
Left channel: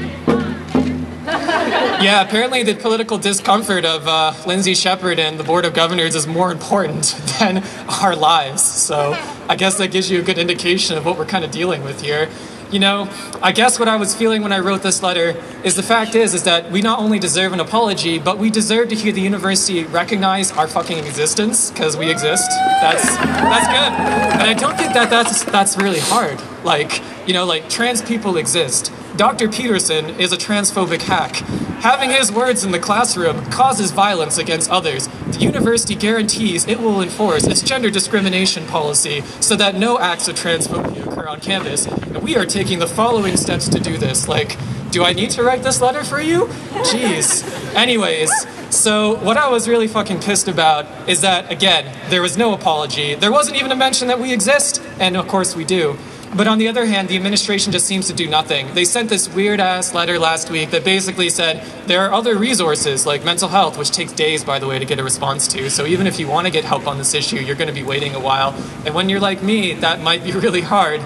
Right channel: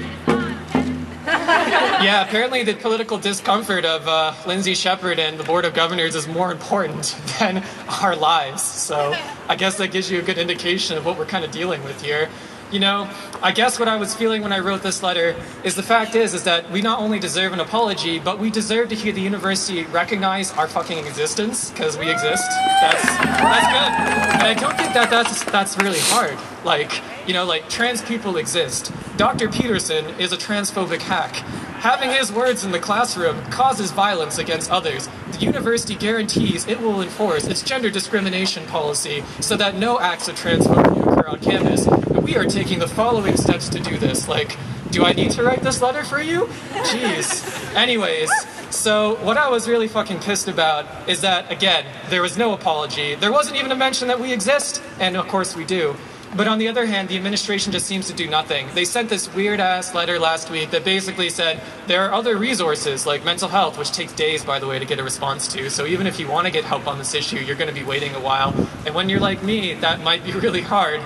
Yeah, apparently the political discomfort of Lindsay Shepherd and the Board of Governors is more important than our lives. So I guess that gives you a good indication of what we're kind of dealing with here. You know, I guess what I was feeling when I wrote this letter is the fact is that we not only deserve an apology, but we deserve to hear the university recognize our fucking existence, because we exist. That's good. And I don't think that's really hard. Like, you know, like, trans people exist. Dr. Peterson is a transphobic hack. Having his words in the classroom causes violence against others. The university guarantees it will enforce its gender discrimination policy so that no acts of transphobia occur on campus. And we are taking the following steps to do this. Like, do I need to write this letter for you? Jeez. Anyways, so what I was really fucking pissed about is that, again, there was no apology. There wasn't even a mention that we exist, and of course we do. But on the other hand, the administration just seems to do nothing. They sent this weird-ass letter last week that basically said there are other resources, like mental health, which takes days, by the way, to get a response to. So even if you want to get help on this issue, you're going to be waiting a while. And when you're like me, that might be really hard.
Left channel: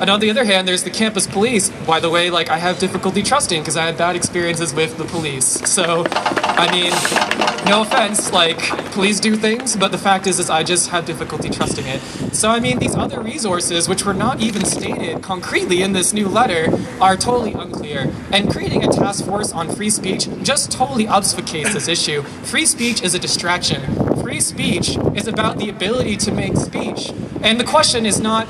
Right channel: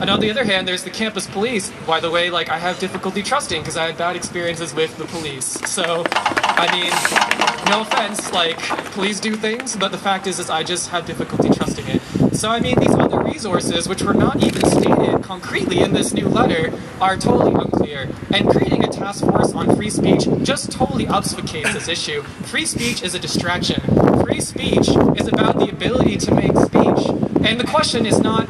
And on the other hand, there's the campus police. By the way, like, I have difficulty trusting because I had bad experiences with the police. So, I mean, no offense, like, police do things, but the fact is I just have difficulty trusting it. So, I mean, these other resources, which were not even stated concretely in this new letter, are totally unclear. And creating a task force on free speech just totally obfuscates this issue. Free speech is a distraction. Free speech is about the ability to make speech. And the question is not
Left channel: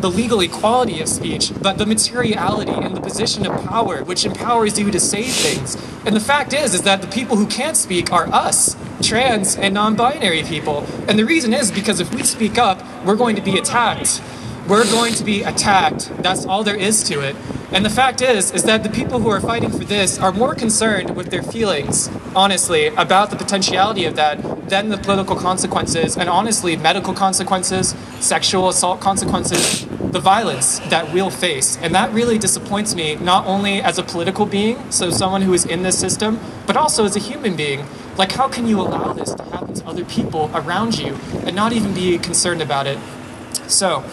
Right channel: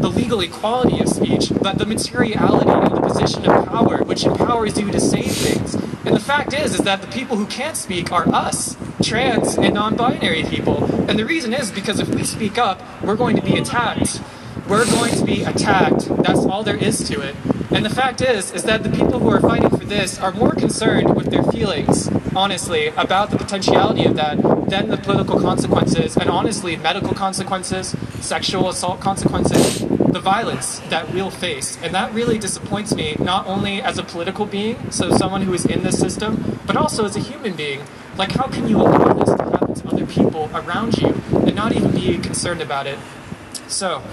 the legal equality of speech, but the materiality and the position of power, which empowers you to say things. And the fact is that the people who can't speak are us, trans and non-binary people. And the reason is because if we speak up, we're going to be attacked. We're going to be attacked. That's all there is to it. And the fact is that the people who are fighting for this are more concerned with their feelings, honestly, about the potentiality of that then the political consequences, and honestly, medical consequences, sexual assault consequences, the violence that we'll face. And that really disappoints me, not only as a political being, so someone who is in this system, but also as a human being. Like, how can you allow this to happen to other people around you and not even be concerned about it? So,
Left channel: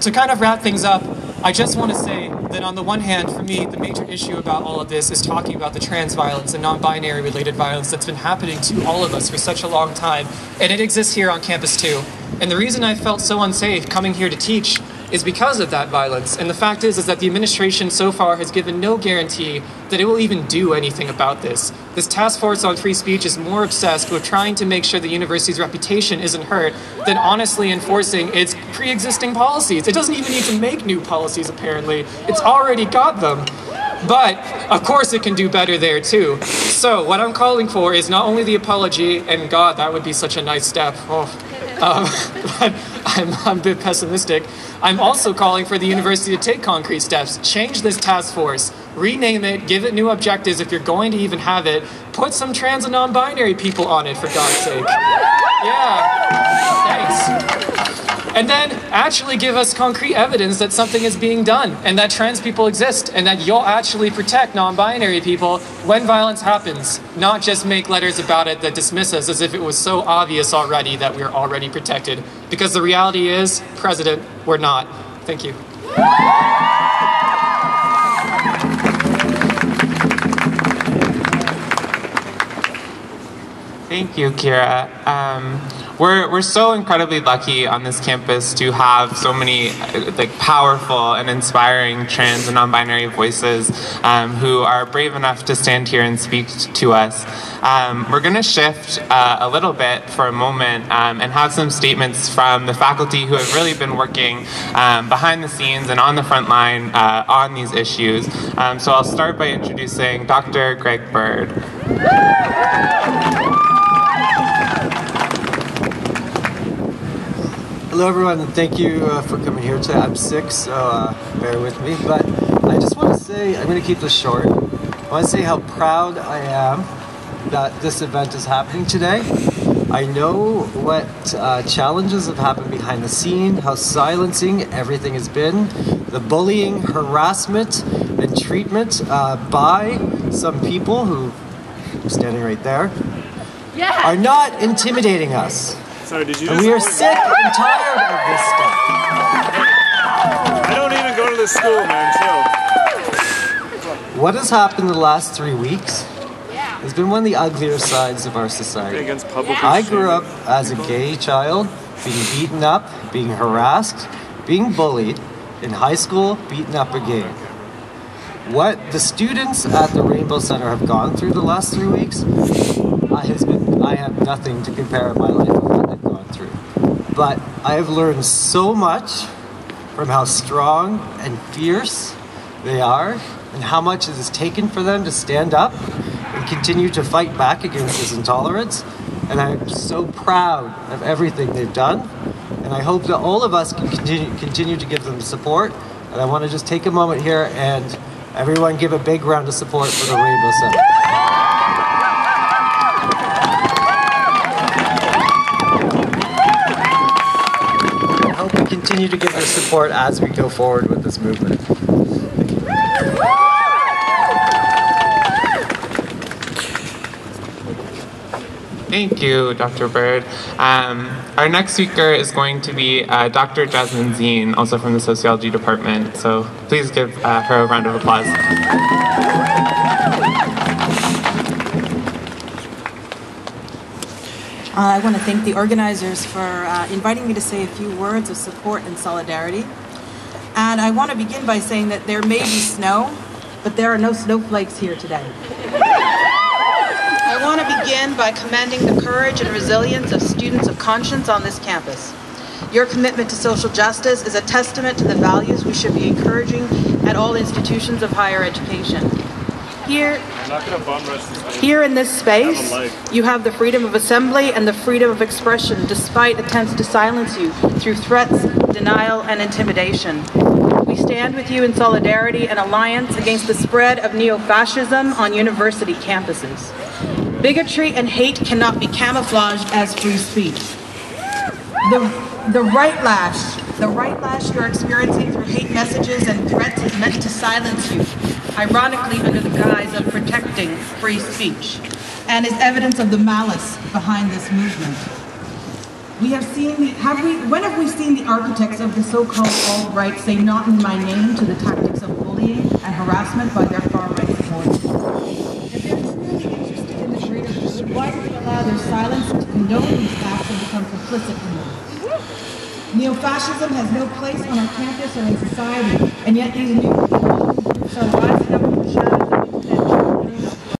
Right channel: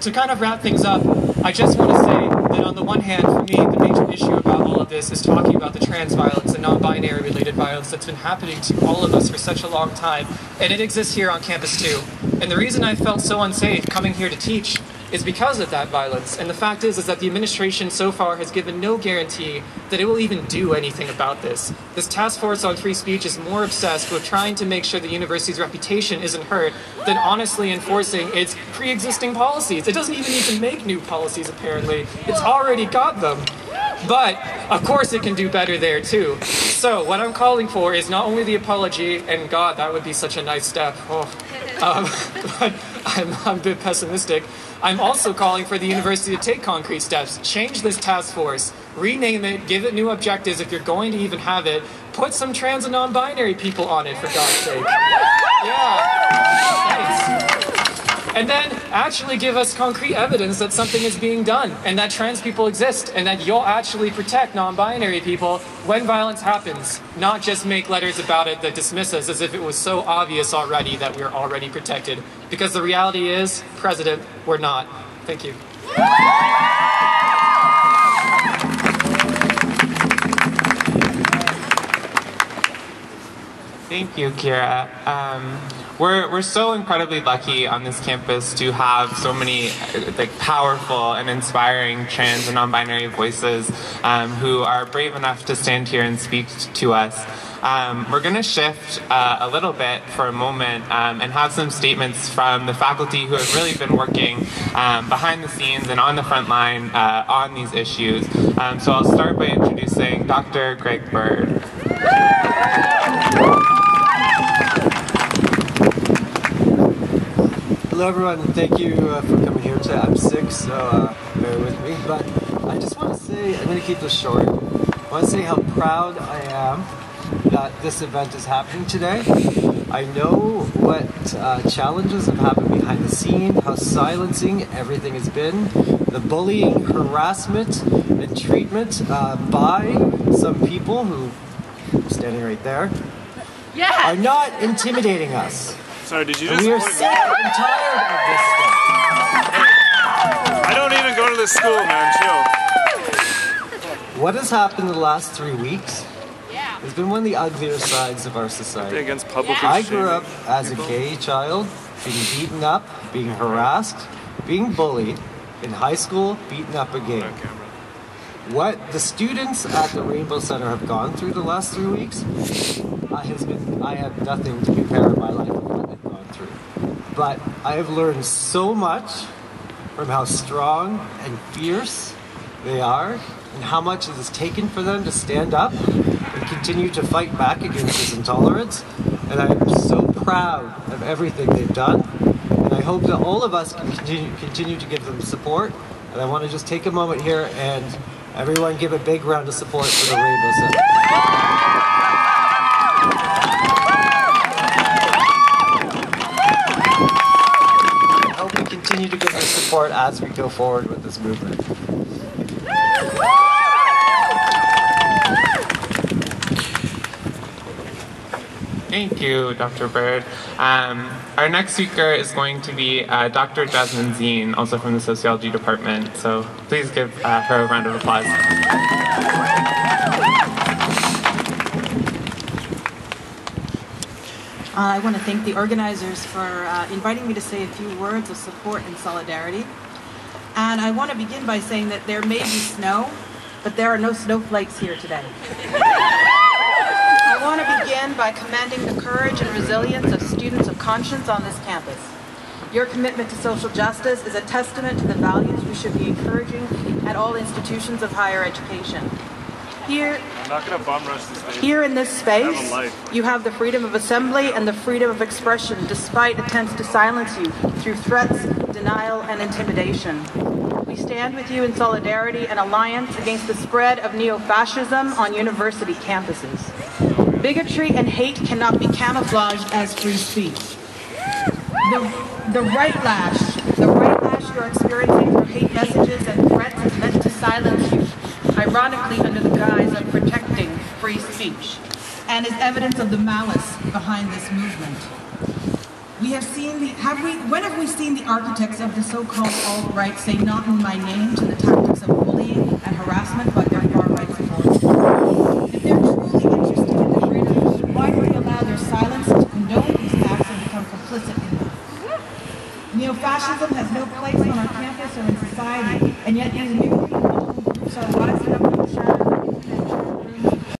to kind of wrap things up, I just want to say that on the one hand, for me, the major issue about all of this is talking about the trans violence and non-binary related violence that's been happening to all of us for such a long time. And it exists here on campus too. And the reason I felt so unsafe coming here to teach is because of that violence. And the fact is that the administration so far has given no guarantee that it will even do anything about this. This task force on free speech is more obsessed with trying to make sure the university's reputation isn't hurt than honestly enforcing its pre-existing policies. It doesn't even need to make new policies, apparently. It's already got them. But, of course, it can do better there, too. So, what I'm calling for is not only the apology, and God, that would be such a nice step. But I'm a bit pessimistic. I'm also calling for the university to take concrete steps, change this task force, rename it, give it new objectives if you're going to even have it, put some trans and non-binary people on it, for God's sake. Yeah, thanks. And then actually give us concrete evidence that something is being done and that trans people exist and that you'll actually protect non-binary people when violence happens, not just make letters about it that dismiss us as if it was so obvious already that we're already protected. Because the reality is, President, we're not. Thank you. Thank you, Kira. We're so incredibly lucky on this campus to have so many like powerful and inspiring trans and non-binary voices who are brave enough to stand here and speak to us. We're going to shift a little bit for a moment and have some statements from the faculty who have really been working behind the scenes and on the front line on these issues. So I'll start by introducing Dr. Greg Bird. Hello everyone, and thank you for coming here today. I'm sick, so bear with me, but I just want to say, I'm going to keep this short. I want to say how proud I am that this event is happening today. I know what challenges have happened behind the scene, how silencing everything has been, the bullying, harassment, and treatment by some people who are standing right there are not intimidating us. Sorry, did you and we are sick and tired of this stuff. I don't even go to this school, man. Chill. What has happened in the last 3 weeks has been one of the uglier sides of our society. Against public I grew up as a gay child, being beaten up, being harassed, being bullied, in high school, beaten up again. What the students at the Rainbow Center have gone through the last 3 weeks I have nothing to compare in my life with what they've gone through. But I have learned so much from how strong and fierce they are and how much it has taken for them to stand up and continue to fight back against this intolerance. And I'm so proud of everything they've done. And I hope that all of us can continue to give them support. And I want to just take a moment here and everyone give a big round of support for the Rainbow Center. Continue to give us support as we go forward with this movement. Thank you, Dr. Bird. Our next speaker is going to be Dr. Jasmine Zine, also from the Sociology Department. So please give her a round of applause. I want to thank the organizers for inviting me to say a few words of support and solidarity. And I want to begin by saying that there may be snow, but there are no snowflakes here today. I want to begin by commending the courage and resilience of students of conscience on this campus. Your commitment to social justice is a testament to the values we should be encouraging at all institutions of higher education. Here in this space, you have the freedom of assembly and the freedom of expression, despite attempts to silence you through threats, denial, and intimidation. We stand with you in solidarity and alliance against the spread of neo-fascism on university campuses. Bigotry and hate cannot be camouflaged as free speech. The right lash you're experiencing through hate messages and threats is meant to silence you, ironically under the guise of protecting free speech, and is evidence of the malice behind this movement. When have we seen the architects of the so-called alt-right say "not in my name" to the tactics of bullying and harassment by their far-right supporters? If they're truly interested in the greater good, why do we allow their silence to condone these acts and become complicit in them? Neo-fascism has no place on our campus or in society, and yet these new groups are rising up from the shadows of internet chat rooms